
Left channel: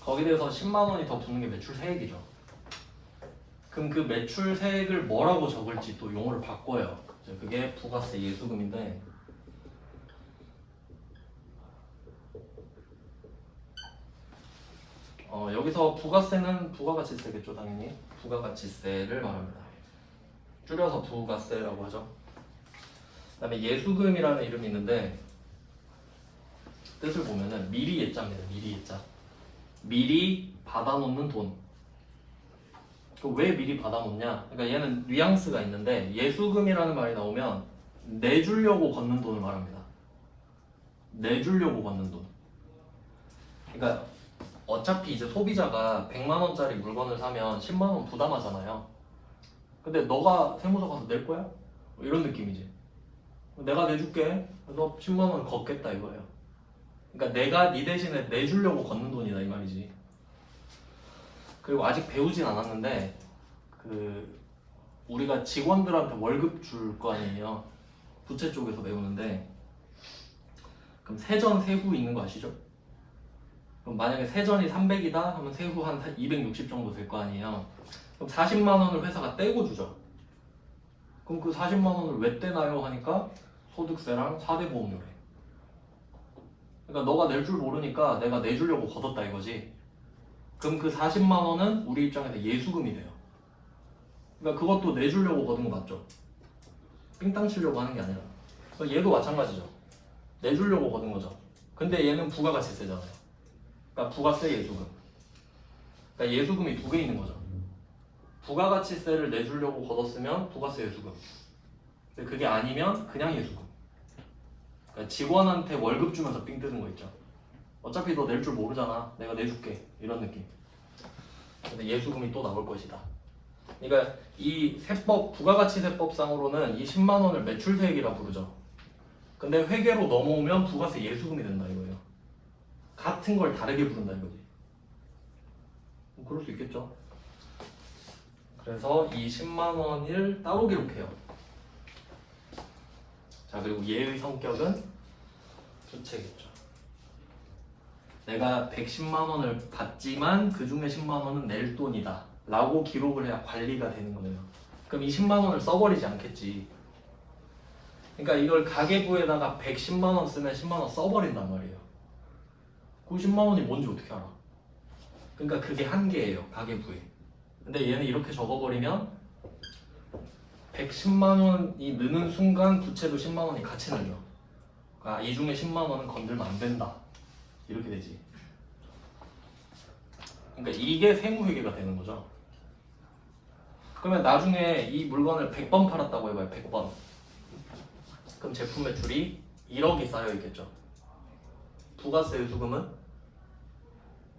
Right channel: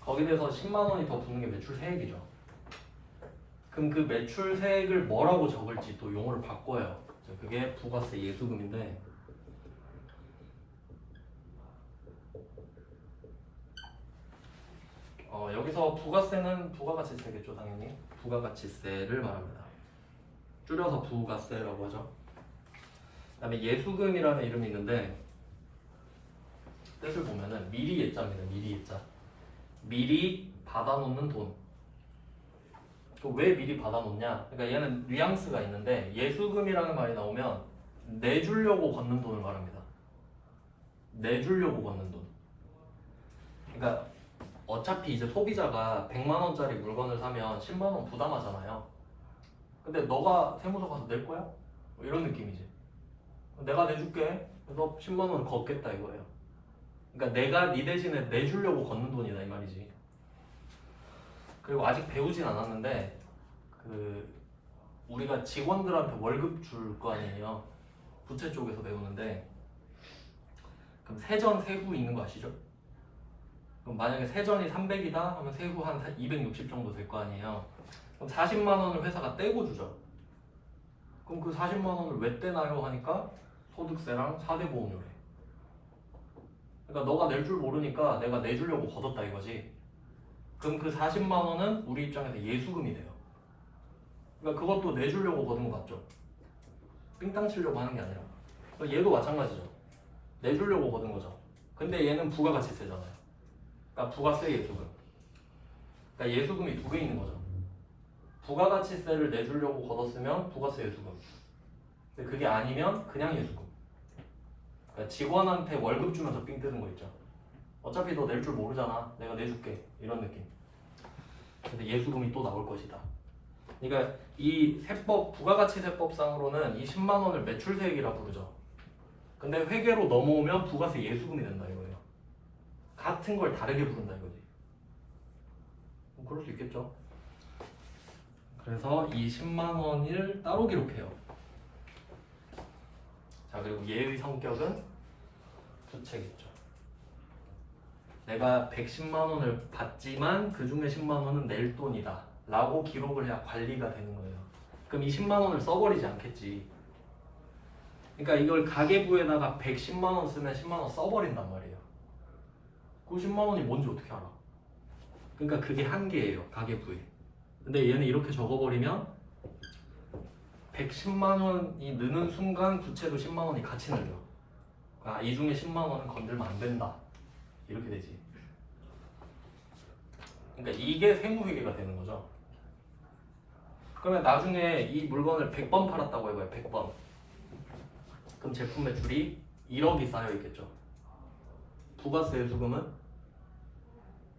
거기에 대해서 10만 원이 더 붙는 게 매출세액이죠. 그럼 그 매출세액을 뭐라고 적을지 또 용어를 바꿔요. 그게 부가세 예수금인데 여기서 부가세는 부가가치세겠죠, 당연히. 부가가치세를 말합니다. 줄여서 부가세라고 하죠. 그 다음에 예수금이라는 이름이 있는데 뜻을 보면은 미리 예자입니다. 미리 예자. 미리 받아놓는 돈. 왜 미리 받아놓냐? 그러니까 얘는 뉘앙스가 있는데 예수금이라는 말이 나오면 내주려고 걷는 돈을 말합니다. 내주려고 걷는 돈. 그러니까 어차피 이제 소비자가 100만 원짜리 물건을 사면 10만 원 부담하잖아요. 근데 너가 세무서 가서 낼 거야? 뭐 이런 느낌이지. 내가 내줄게. 그래서 10만 원을 걷겠다 이거예요. 그러니까 내가 네 대신에 내주려고 걷는 돈이다 이 말이지. 그리고 아직 배우진 않았는데 우리가 직원들한테 월급 줄 거 아니에요. 부채 쪽에서 배우는데 그럼 세전 세후 있는 거 아시죠? 그럼 만약에 세전이 300이다 하면 세후 한 260 정도 될 거 아니에요. 그럼 40만 원을 회사가 떼고 주죠. 그럼 그 40만 원을 왜 떼나요? 하니까 소득세랑 4대 보험료래. 그러니까 너가 낼 줄 모르니까 내가 내주려고 걷었다 이거지. 그럼 그 40만 원은 우리 입장에서 예수금이 돼요. 그러니까 그것도 내주려고 걷은 거 맞죠? 삥땅 치려고 하는 게 아니라. 그러니까 얘도 마찬가지죠. 내주려고 걷은 거죠. 근데 얘는 부가가치세잖아요. 그러니까 부가세 예수금. 그러니까 예수금이 두 개 있는 거죠. 부가가치세를 내주려고 걷었으면 부가세 예수금. 근데 그게 아니면 그냥 예수금. 그러니까 직원한테 월급 주면서 삥 뜨는 거 있죠. 어차피 너 낼 줄 모르잖아. 내가 내줄게. 이런 느낌. 근데 예수금이 또 나올 것이다. 그러니까 이 세법, 부가가치세법상으로는 이 10만 원을 매출세액이라 부르죠. 근데 회계로 넘어오면 부가세 예수금이 된다 이거예요. 같은 걸 다르게 부른다 이거지. 그럴 수 있겠죠. 그래서 이 10만 원을 따로 기록해요. 자, 그리고 얘의 성격은 주체겠죠. 내가 110만 원을 받지만 그 중에 10만 원은 낼 돈이다 라고 기록을 해야 관리가 되는 거예요. 그럼 이 10만 원을 써버리지 않겠지. 그러니까 이걸 가계부에다가 110만 원 쓰면 10만 원 써버린단 말이에요. 그 10만 원이 뭔지 어떻게 알아? 그러니까 그게 한계예요, 가계부에. 근데 얘는 이렇게 적어버리면 110만 원이 느는 순간 부채로 10만 원이 같이 늘죠. 이 중에 10만 원은 건들면 안 된다. 이렇게 되지. 그러니까 이게 세무회계가 되는 거죠. 그러면 나중에 이 물건을 100번 팔았다고 해봐요. 100번. 그럼 제품 매출이 1억이 쌓여 있겠죠. 부가세 수금은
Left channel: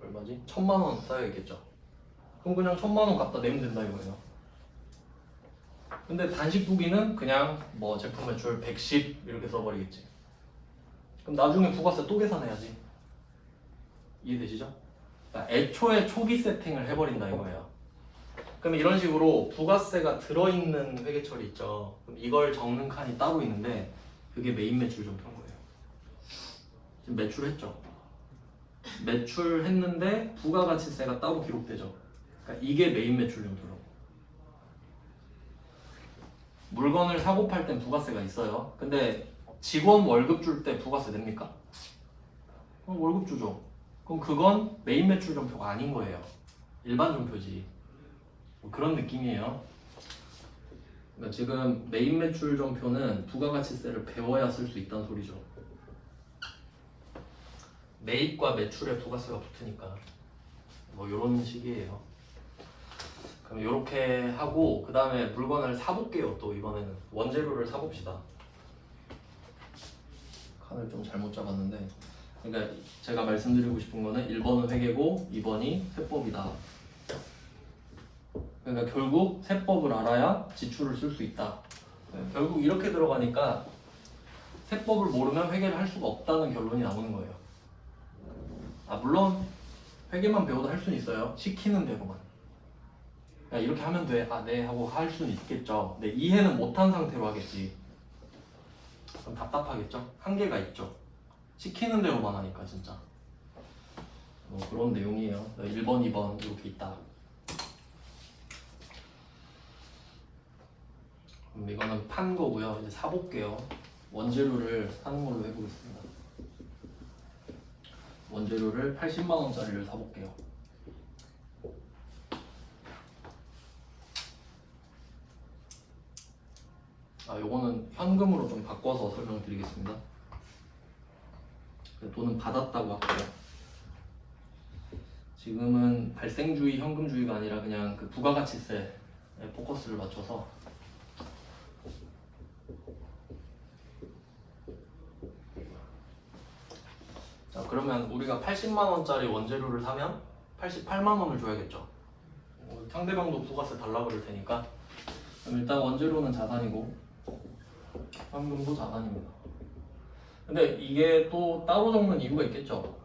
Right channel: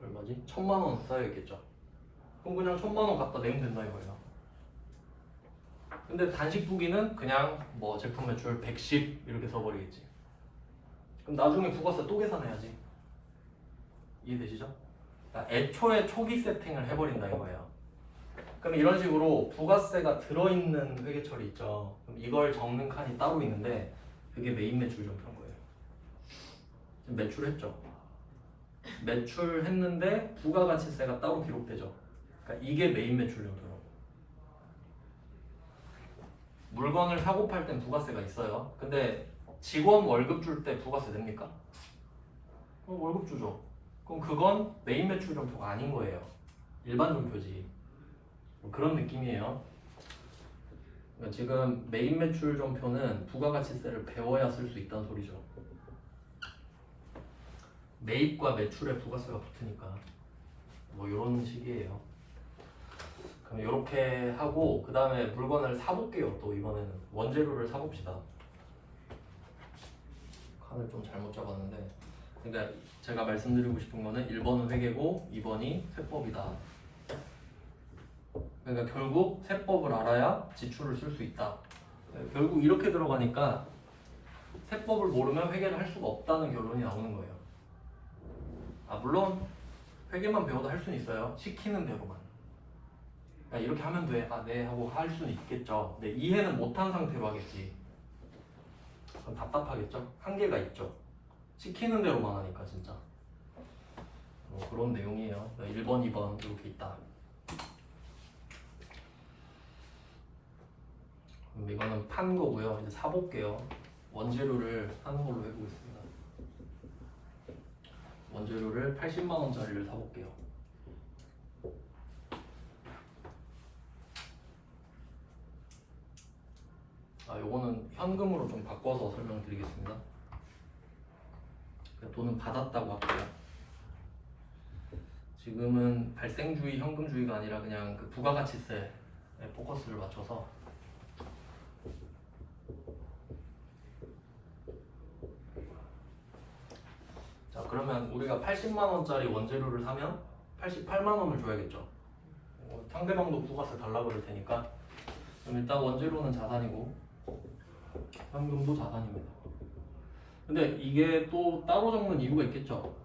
얼마지? 1000만 원 쌓여 있겠죠. 그럼 그냥 1000만 원 갖다 내면 된다 이거예요. 근데 단식부기는 그냥 뭐 제품 매출 110 이렇게 써버리겠지. 그럼 나중에 부가세 또 계산해야지. 이해되시죠? 그러니까 애초에 초기 세팅을 해버린다 이거예요. 그럼 이런 식으로 부가세가 들어있는 회계처리 있죠. 그럼 이걸 적는 칸이 따로 있는데 그게 메인 매출 정표인 거예요. 지금 매출했죠. 매출했는데 부가가치세가 따로 기록되죠. 그러니까 이게 메인 매출 정도로. 물건을 사고 팔 땐 부가세가 있어요. 근데 직원 월급 줄 때 부가세 냅니까? 그럼 월급 주죠. 그럼 그건 메인 매출 점표가 아닌 거예요. 일반 점표지. 뭐 그런 느낌이에요. 그러니까 지금 메인 매출 점표는 부가가치세를 배워야 쓸 수 있다는 소리죠. 매입과 매출에 부가세가 붙으니까 뭐 이런 식이에요. 그럼 이렇게 하고 그 다음에 물건을 사볼게요. 또 이번에는 원재료를 사봅시다. 칸을 좀 잘못 잡았는데, 그러니까 제가 말씀드리고 싶은 거는 1번은 회계고 2번이 세법이다. 그러니까 결국 세법을 알아야 지출을 쓸 수 있다. 결국 이렇게 들어가니까 세법을 모르면 회계를 할 수가 없다는 결론이 나오는 거예요. 물론 회계만 배워도 할 수는 있어요. 시키는 대로만. 이렇게 하면 돼. 네 하고 할 수는 있겠죠. 근데 이해는 못한 상태로 하겠지. 그럼 답답하겠죠? 한계가 있죠. 시키는 대로만 하니까 진짜. 뭐 그런 내용이에요. 1번, 2번 이렇게 있다. 그럼 이거는 판 거고요. 이제 사볼게요. 원재료를 사는 걸로 해보겠습니다. 원재료를 80만 원짜리를 사볼게요. 요거는 현금으로 좀 바꿔서 설명을 드리겠습니다. 돈은 받았다고 할게요. 지금은 발생주의, 현금주의가 아니라 그냥 그 부가가치세에 포커스를 맞춰서 자, 그러면 우리가 80만 원짜리 원재료를 사면 88만 원을 줘야겠죠. 상대방도 부가세 달라고 그럴 테니까. 그럼 일단 원재료는 자산이고 현금도 자산입니다. 근데 이게 또 따로 적는 이유가 있겠죠.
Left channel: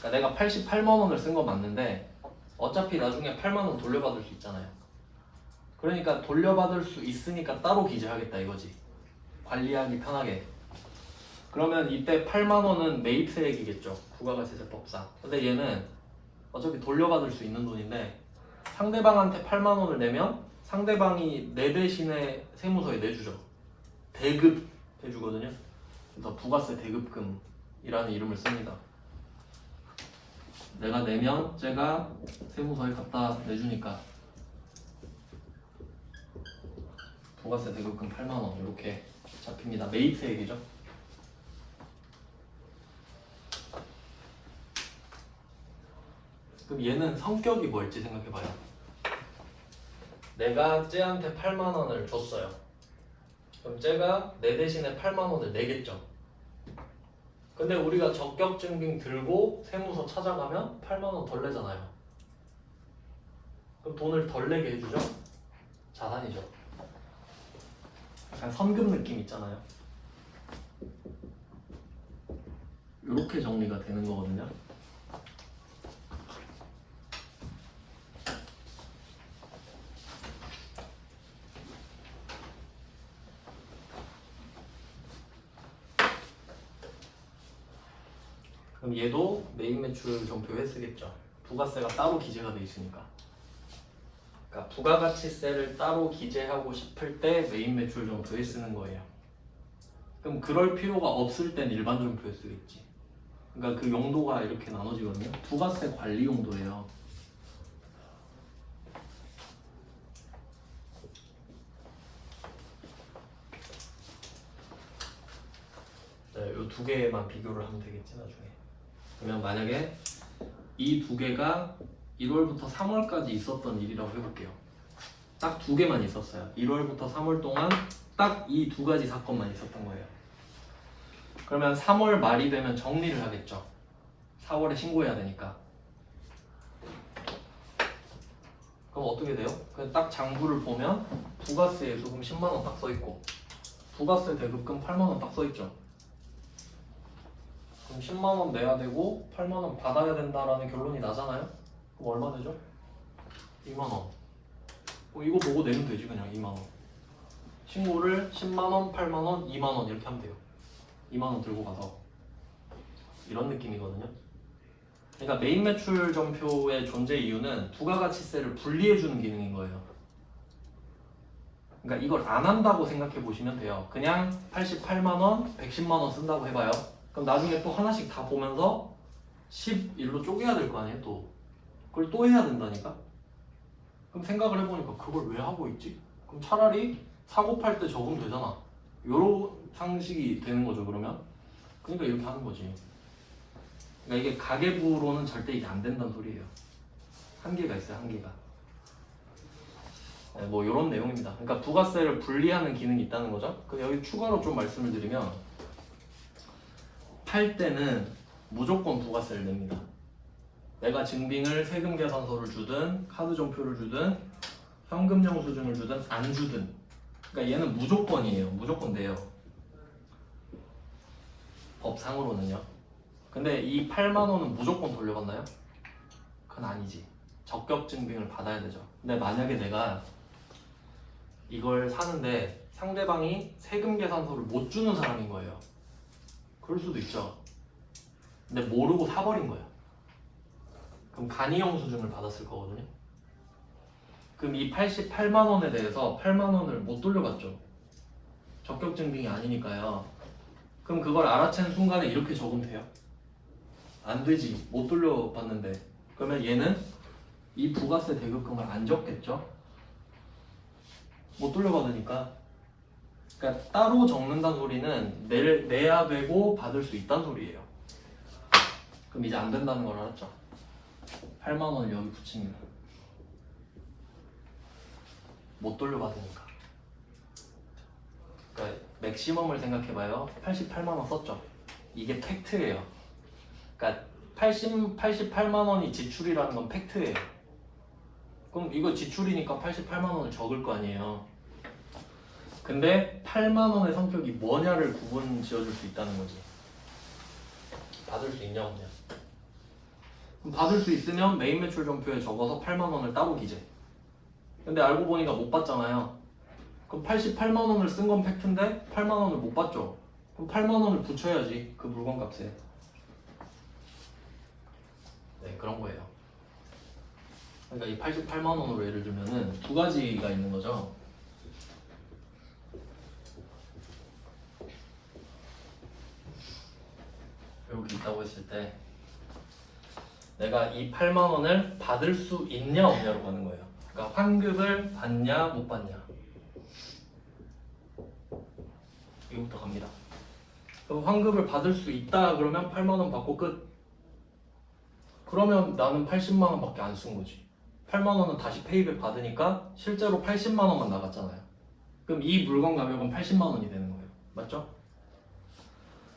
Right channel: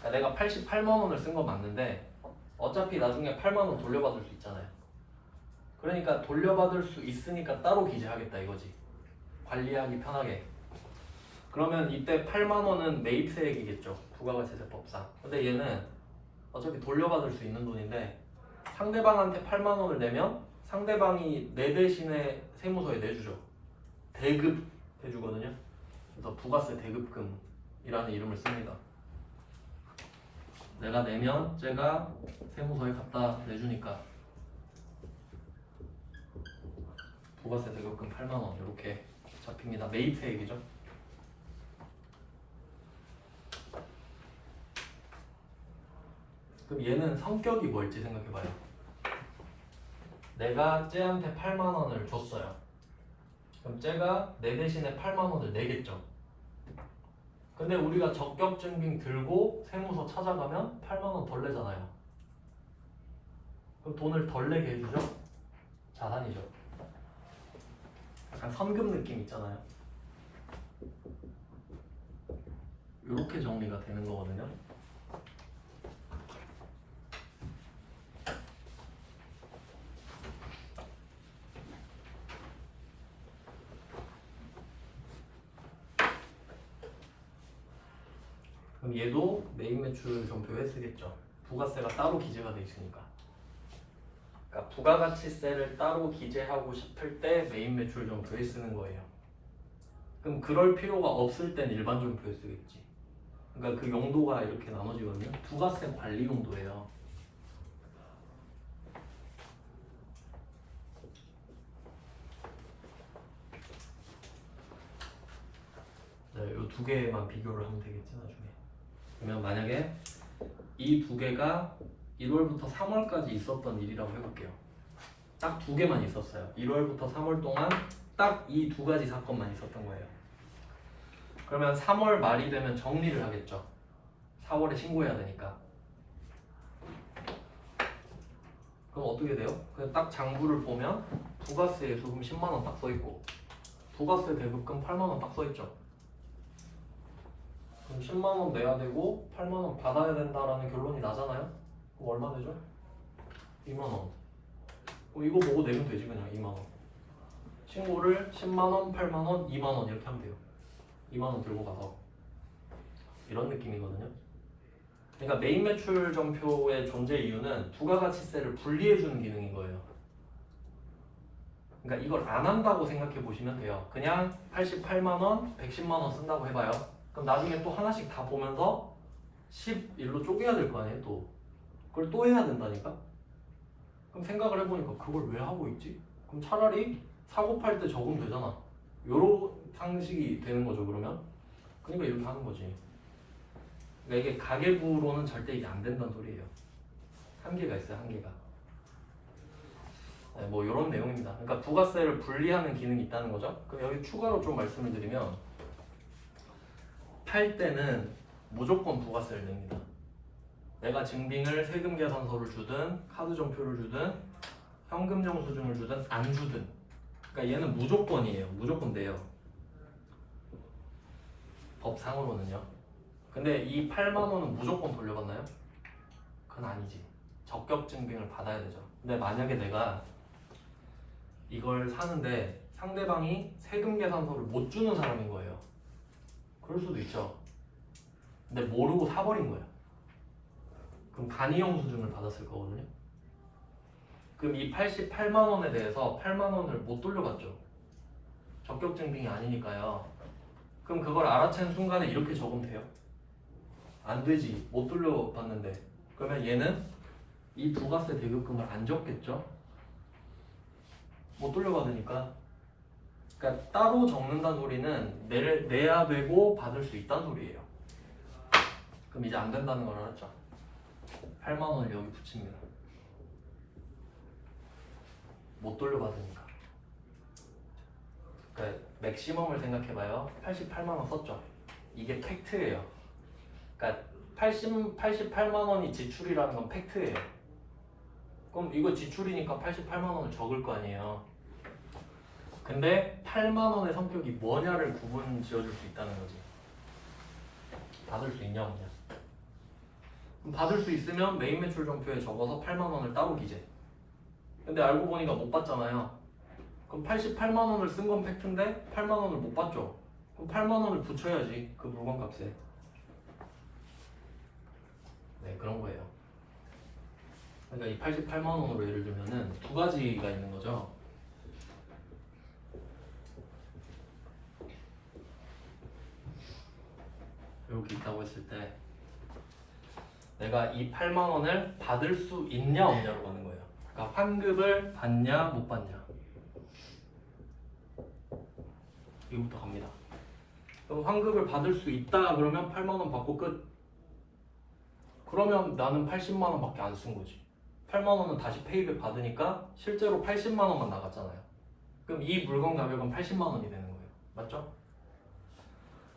그러니까 내가 88만 원을 쓴 건 맞는데 어차피 나중에 8만 원 돌려받을 수 있잖아요. 그러니까 돌려받을 수 있으니까 따로 기재하겠다 이거지. 관리하기 편하게. 그러면 이때 8만 원은 매입세액이겠죠. 부가가치세법상. 근데 얘는 어차피 돌려받을 수 있는 돈인데 상대방한테 8만 원을 내면 상대방이 내 대신에 세무서에 내주죠. 대급해주거든요. 그래서 부가세 대급금이라는 이름을 씁니다. 내가 내면 제가 세무서에 갖다 내주니까 부가세 대급금 8만 원 이렇게 잡힙니다. 매입세액이죠. 그럼 얘는 성격이 뭘지 생각해봐요. 내가 쟤한테 8만 원을 줬어요. 그럼 쟤가 내 대신에 8만 원을 내겠죠. 근데 우리가 적격증빙 들고 세무서 찾아가면 8만 원 덜 내잖아요. 그럼 돈을 덜 내게 해주죠? 자산이죠. 약간 선금 느낌 있잖아요. 이렇게 정리가 되는 거거든요. 그럼 얘도 메인 매출 점표에 쓰겠죠. 부가세가 따로 기재가 돼 있으니까. 그러니까 부가가치세를 따로 기재하고 싶을 때 메인 매출 점표에 쓰는 거예요. 그럼 그럴 필요가 없을 땐 일반 점표에 쓰겠지. 그러니까 그 용도가 이렇게 나눠지거든요. 부가세 관리 용도예요. 네, 이 두 개만 비교를 하면 되겠지 나중에. 그러면 만약에 이 두 개가 1월부터 3월까지 있었던 일이라고 해볼게요. 딱 두 개만 있었어요. 1월부터 3월 동안 딱 이 두 가지 사건만 있었던 거예요. 그러면 3월 말이 되면 정리를 하겠죠. 4월에 신고해야 되니까. 그럼 어떻게 돼요? 그냥 딱 장부를 보면 부가세 예수금 10만 원 딱 써있고 부가세 대급금 8만 원 딱 써있죠. 그럼 10만 원 내야 되고 8만 원 받아야 된다라는 결론이 나잖아요. 그럼 얼마 되죠? 2만 원. 이거 보고 내면 되지 그냥 2만 원. 신고를 10만 원, 8만 원, 2만 원 이렇게 하면 돼요. 2만 원 들고 가서. 이런 느낌이거든요. 그러니까 메인 매출 전표의 존재 이유는 부가가치세를 분리해주는 기능인 거예요. 그러니까 이걸 안 한다고 생각해 보시면 돼요. 그냥 88만 원, 110만 원 쓴다고 해봐요. 그럼 나중에 또 하나씩 다 보면서 11로 쪼개야 될 거 아니에요, 또. 그걸 또 해야 된다니까? 그럼 생각을 해보니까 그걸 왜 하고 있지? 그럼 차라리 사고 팔 때 적으면 되잖아. 요런 상식이 되는 거죠, 그러면. 그러니까 이렇게 하는 거지. 그러니까 이게 가계부로는 절대 이게 안 된다는 소리예요. 한계가 있어요, 한계가. 네, 뭐 이런 내용입니다. 그러니까 부가세를 분리하는 기능이 있다는 거죠. 그럼 여기 추가로 좀 말씀을 드리면 팔 때는 무조건 부가세를 냅니다. 내가 증빙을 세금 계산서를 주든 카드 전표를 주든 현금 영수증을 주든 안 주든, 그러니까 얘는 무조건이에요. 무조건 내요. 법상으로는요. 근데 이 8만 원은 무조건 돌려받나요? 그건 아니지. 적격 증빙을 받아야 되죠. 근데 만약에 내가 이걸 사는데 상대방이 세금 계산서를 못 주는 사람인 거예요. 그럴 수도 있죠. 근데 모르고 사버린 거예요. 그럼 간이 영수증을 받았을 거거든요. 그럼 이 88만 원에 대해서 8만 원을 못 돌려받죠. 적격 증빙이 아니니까요. 그럼 그걸 알아챈 순간에 이렇게 적으면 돼요? 안 되지. 못 돌려받는데. 그러면 얘는 이 부가세 대급금을 안 적겠죠? 못 돌려받으니까. 그러니까 따로 적는다는 소리는 내야 되고 받을 수 있다는 소리예요. 그럼 이제 안 된다는 걸 알았죠? 8만 원을 여기 붙입니다. 못 돌려받으니까. 그러니까 맥시멈을 생각해봐요. 88만 원 썼죠? 이게 팩트예요. 그러니까 88만 원이 지출이라는 건 팩트예요. 그럼 이거 지출이니까 88만 원을 적을 거 아니에요. 근데 8만 원의 성격이 뭐냐를 구분 지어줄 수 있다는 거지. 받을 수 있냐 없냐. 그럼 받을 수 있으면 메인 매출 전표에 적어서 8만 원을 따로 기재. 근데 알고 보니까 못 받잖아요. 그럼 88만 원을 쓴 건 팩트인데 8만 원을 못 받죠. 그럼 8만 원을 붙여야지, 그 물건 값에. 네, 그런 거예요. 그러니까 이 88만 원으로 예를 들면은 두 가지가 있는 거죠. 이렇게 있다고 했을 때 내가 이 8만 원을 받을 수 있냐 없냐로 가는 거예요. 그러니까 환급을 받냐 못 받냐. 이거부터 갑니다. 그럼 환급을 받을 수 있다 그러면 8만 원 받고 끝. 그러면 나는 80만 원밖에 안 쓴 거지. 8만 원은 다시 페이백 받으니까 실제로 80만 원만 나갔잖아요. 그럼 이 물건 가격은 80만 원이 되는 거예요. 맞죠?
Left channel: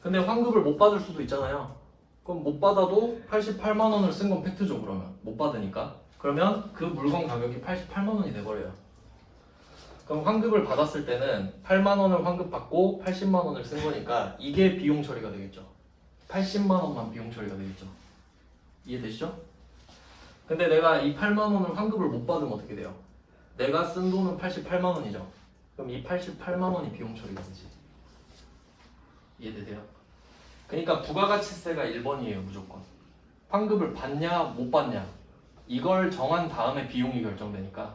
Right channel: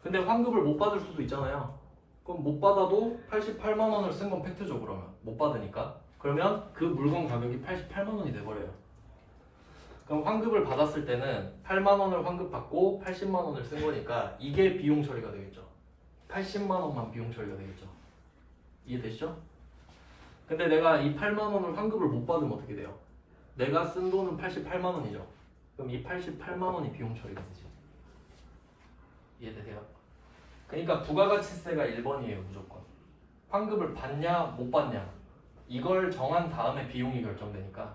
근데 환급을 못 받을 수도 있잖아요. 그럼 못 받아도 88만 원을 쓴 건 팩트죠. 그러면 못 받으니까. 그러면 그 물건 가격이 88만 원이 돼버려요. 그럼 환급을 받았을 때는 8만 원을 환급 받고 80만 원을 쓴 거니까 이게 비용 처리가 되겠죠. 80만 원만 비용 처리가 되겠죠. 이해되시죠? 근데 내가 이 8만 원을 환급을 못 받으면 어떻게 돼요? 내가 쓴 돈은 88만 원이죠. 그럼 이 88만 원이 비용 처리가 되지. 이해되세요? 그러니까 부가가치세가 1번이에요. 무조건. 환급을 받냐 못 받냐 이걸 정한 다음에 비용이 결정되니까.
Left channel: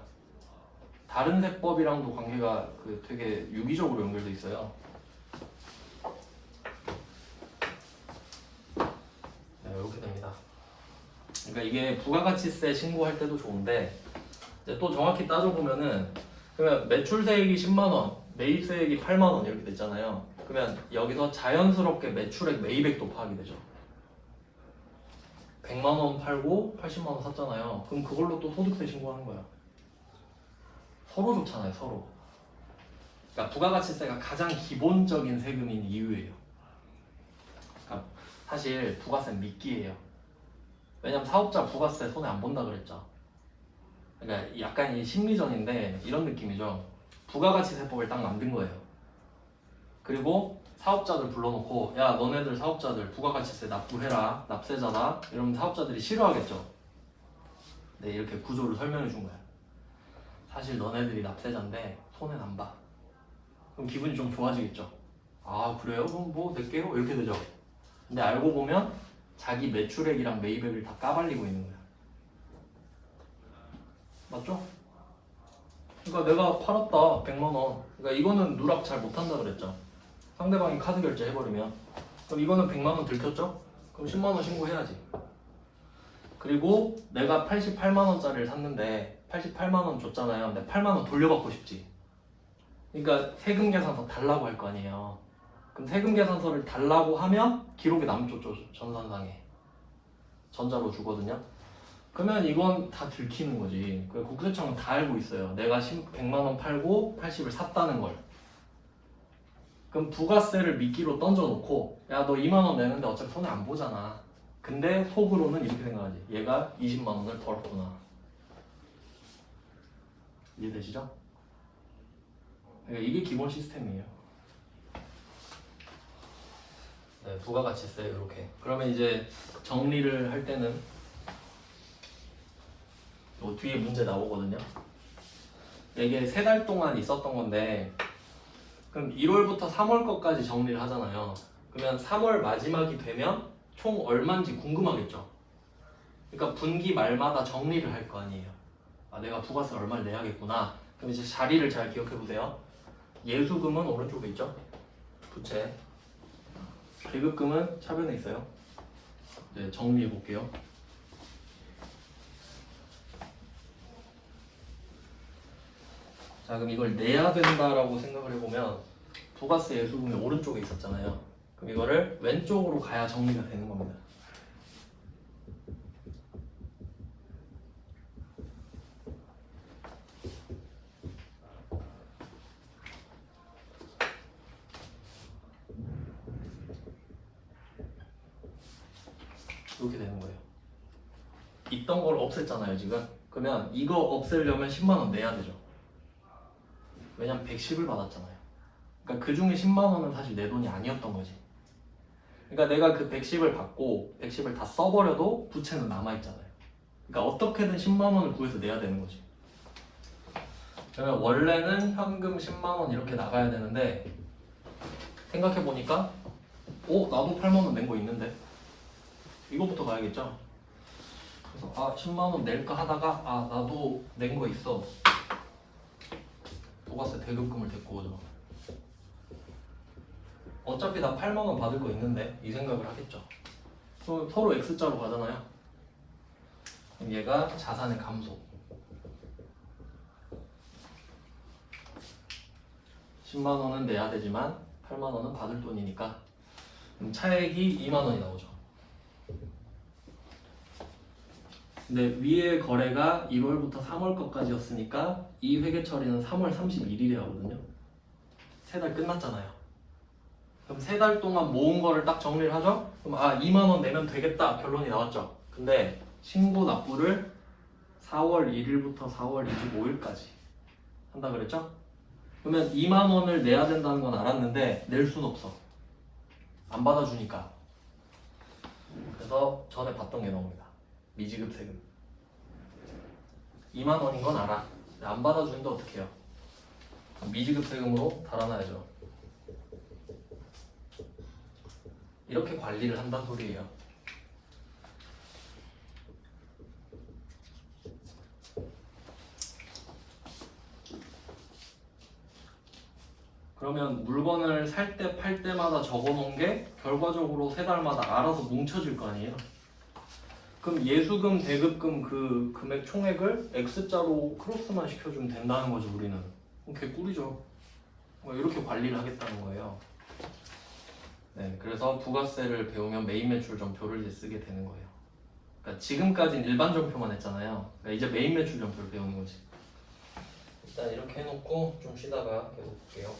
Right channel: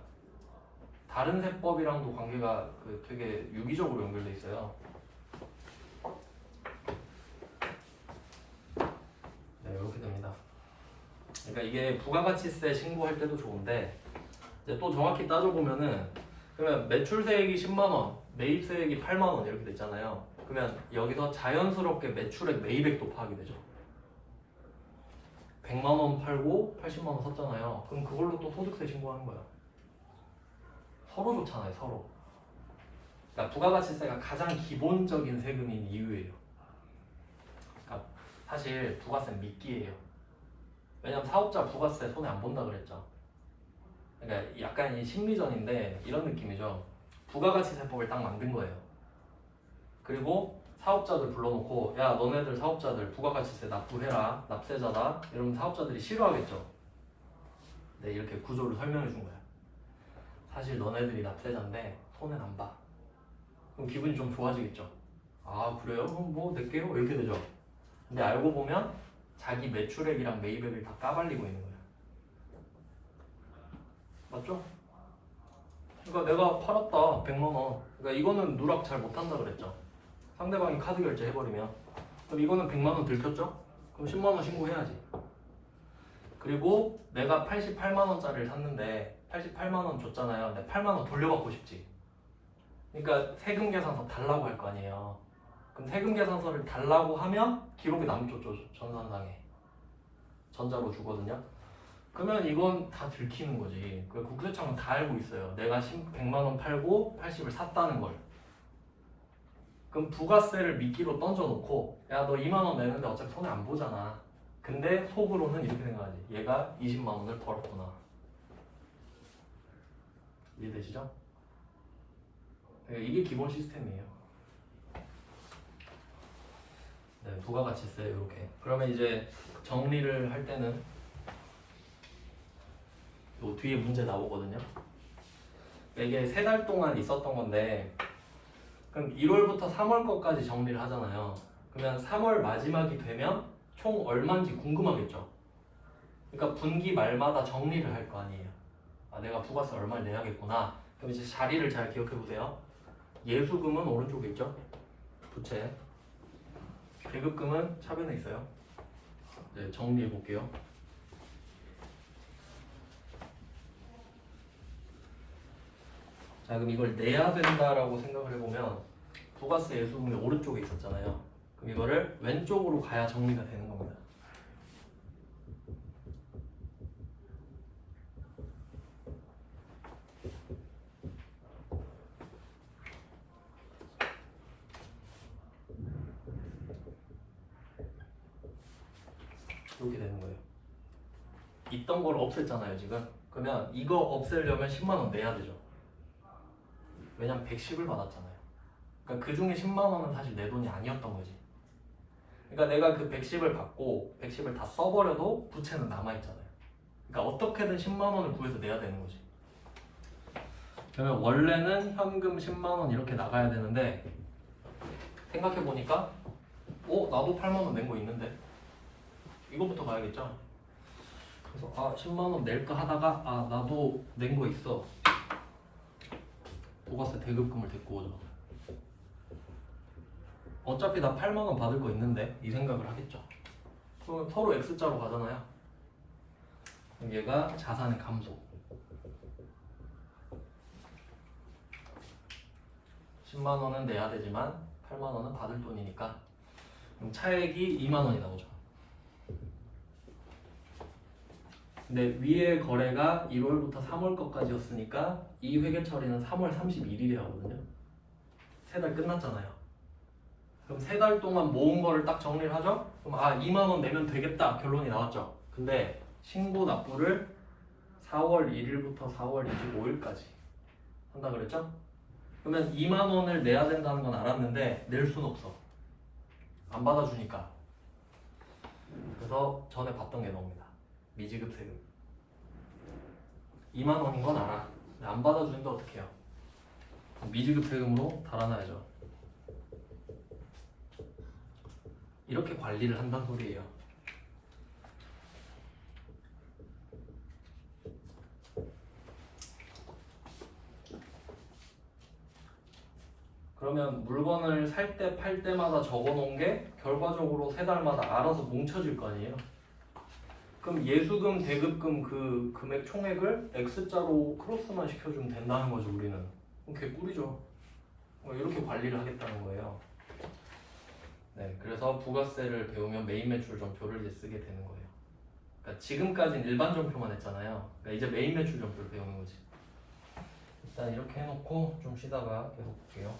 다른 세법이랑도 관계가 되게 유기적으로 연결돼 있어요. 네, 이렇게 됩니다. 그러니까 이게 부가가치세 신고할 때도 좋은데 이제 또 정확히 따져보면은 그러면 매출세액이 10만 원, 매입세액이 8만 원 이렇게 됐잖아요. 그러면 여기서 자연스럽게 매출액 매입액도 파악이 되죠. 100만 원 팔고 80만 원 샀잖아요. 그럼 그걸로 또 소득세 신고하는 거야. 서로 좋잖아요, 서로. 그러니까 부가가치세가 가장 기본적인 세금인 이유예요. 그러니까 사실 부가세는 미끼예요. 왜냐면 사업자 부가세 손해 안 본다 그랬죠. 그러니까 약간 이 심리전인데 이런 느낌이죠. 부가가치세법을 딱 만든 거예요. 그리고 사업자들 불러놓고 야 너네들 사업자들 부가가치세 납부해라, 납세자다 이러면 사업자들이 싫어하겠죠. 네, 이렇게 구조를 설명해 준 거야. 사실 너네들이 납세자인데 손해는 안 봐. 그럼 기분이 좀 좋아지겠죠. 아 그래요? 그럼 뭐 낼게요 이렇게 되죠. 근데 알고 보면 자기 매출액이랑 매입액을 다 까발리고 있는 거야. 맞죠? 그러니까 내가 팔았다 100만 원. 그러니까 이거는 누락 잘 못한다 그랬죠. 상대방이 카드 결제 해버리면. 그럼 이거는 100만 원 들켰죠? 그럼 10만 원 신고해야지. 그리고 내가 88만 원짜리를 샀는데 88만 원 줬잖아요. 근데 8만 원 돌려받고 싶지. 그러니까 세금 계산서 달라고 할 거 아니에요. 그럼 세금 계산서를 달라고 하면 기록에 남죠. 전산상에 전자로 주거든요. 그러면 이건 다 들키는 거지. 그 국세청은 다 알고 있어요. 내가 100만 원 팔고 80을 샀다는 걸. 그럼 부가세를 미끼로 던져놓고 야 너 2만 원 내는데 어차피 손해 안 보잖아. 근데 속으로는 이렇게 생각하지. 얘가 20만 원을 벌었구나. 이해되시죠? 그러니까 이게 기본 시스템이에요. 네, 부가가치세 이렇게. 그러면 이제 정리를 할 때는 요 뒤에 문제 나오거든요. 이게 3달 동안 있었던 건데 그럼 1월부터 3월 것까지 정리를 하잖아요. 그러면 3월 마지막이 되면 총 얼마인지 궁금하겠죠. 그러니까 분기 말마다 정리를 할 거 아니에요. 아 내가 부가세 얼마를 내야겠구나. 그럼 이제 자리를 잘 기억해 보세요. 예수금은 오른쪽에 있죠. 부채. 계급금은 차변에 있어요. 네, 정리해 볼게요. 자 그럼 이걸 내야 된다라고 생각을 해보면 부가세 예수금이 오른쪽에 있었잖아요. 그럼 이거를 왼쪽으로 가야 정리가 되는 겁니다. 이렇게 되는 거예요. 있던 걸 없앴잖아요 지금. 그러면 이거 없애려면 10만 원 내야 되죠. 왜냐면 110을 받았잖아요. 그러니까 그 중에 10만 원은 사실 내 돈이 아니었던 거지. 그러니까 내가 그 110을 받고 110을 다 써버려도 부채는 남아있잖아요. 그러니까 어떻게든 10만 원을 구해서 내야 되는 거지. 그러면 원래는 현금 10만 원 이렇게 나가야 되는데 생각해보니까 나도 8만 원 낸 거 있는데 이거부터 가야겠죠. 그래서 10만 원 낼까 하다가 나도 낸 거 있어. 부가세 대급금을 데리고 오죠. 어차피 나 8만 원 받을 거 있는데 이 생각을 하겠죠. 그럼 서로 X자로 가잖아요. 그럼 얘가 자산의 감소. 10만 원은 내야 되지만 8만 원은 받을 돈이니까 그럼 차액이 2만 원이 나오죠. 근데 위에 거래가 1월부터 3월 것까지였으니까 이 회계 처리는 3월 31일에 하거든요. 3달 끝났잖아요. 그럼 3달 동안 모은 거를 딱 정리를 하죠. 그럼 2만 원 내면 되겠다 결론이 나왔죠. 근데 신고 납부를 4월 1일부터 4월 25일까지 한다 그랬죠. 그러면 2만 원을 내야 된다는 건 알았는데 낼 수는 없어. 안 받아주니까. 그래서 전에 봤던 게 나옵니다. 미지급 세금 2만 원인 건 알아. 근데 안 받아주는데 어떻게 해요? 미지급 세금으로 달아놔야죠. 이렇게 관리를 한다는 소리예요. 그러면 물건을 살 때 팔 때마다 적어놓은 게 결과적으로 3달마다 알아서 뭉쳐질 거 아니에요. 그럼 예수금, 대급금 그 금액 총액을 X자로 크로스만 시켜주면 된다는 거죠 우리는. 그럼 개꿀이죠. 이렇게 관리를 하겠다는 거예요. 네, 그래서 부가세를 배우면 메인 매출 점표를 이제 쓰게 되는 거예요. 그러니까 지금까지는 일반 점표만 했잖아요. 그러니까 이제 메인 매출 점표를 배우는 거지. 일단 이렇게 해놓고 좀 쉬다가 계속 볼게요.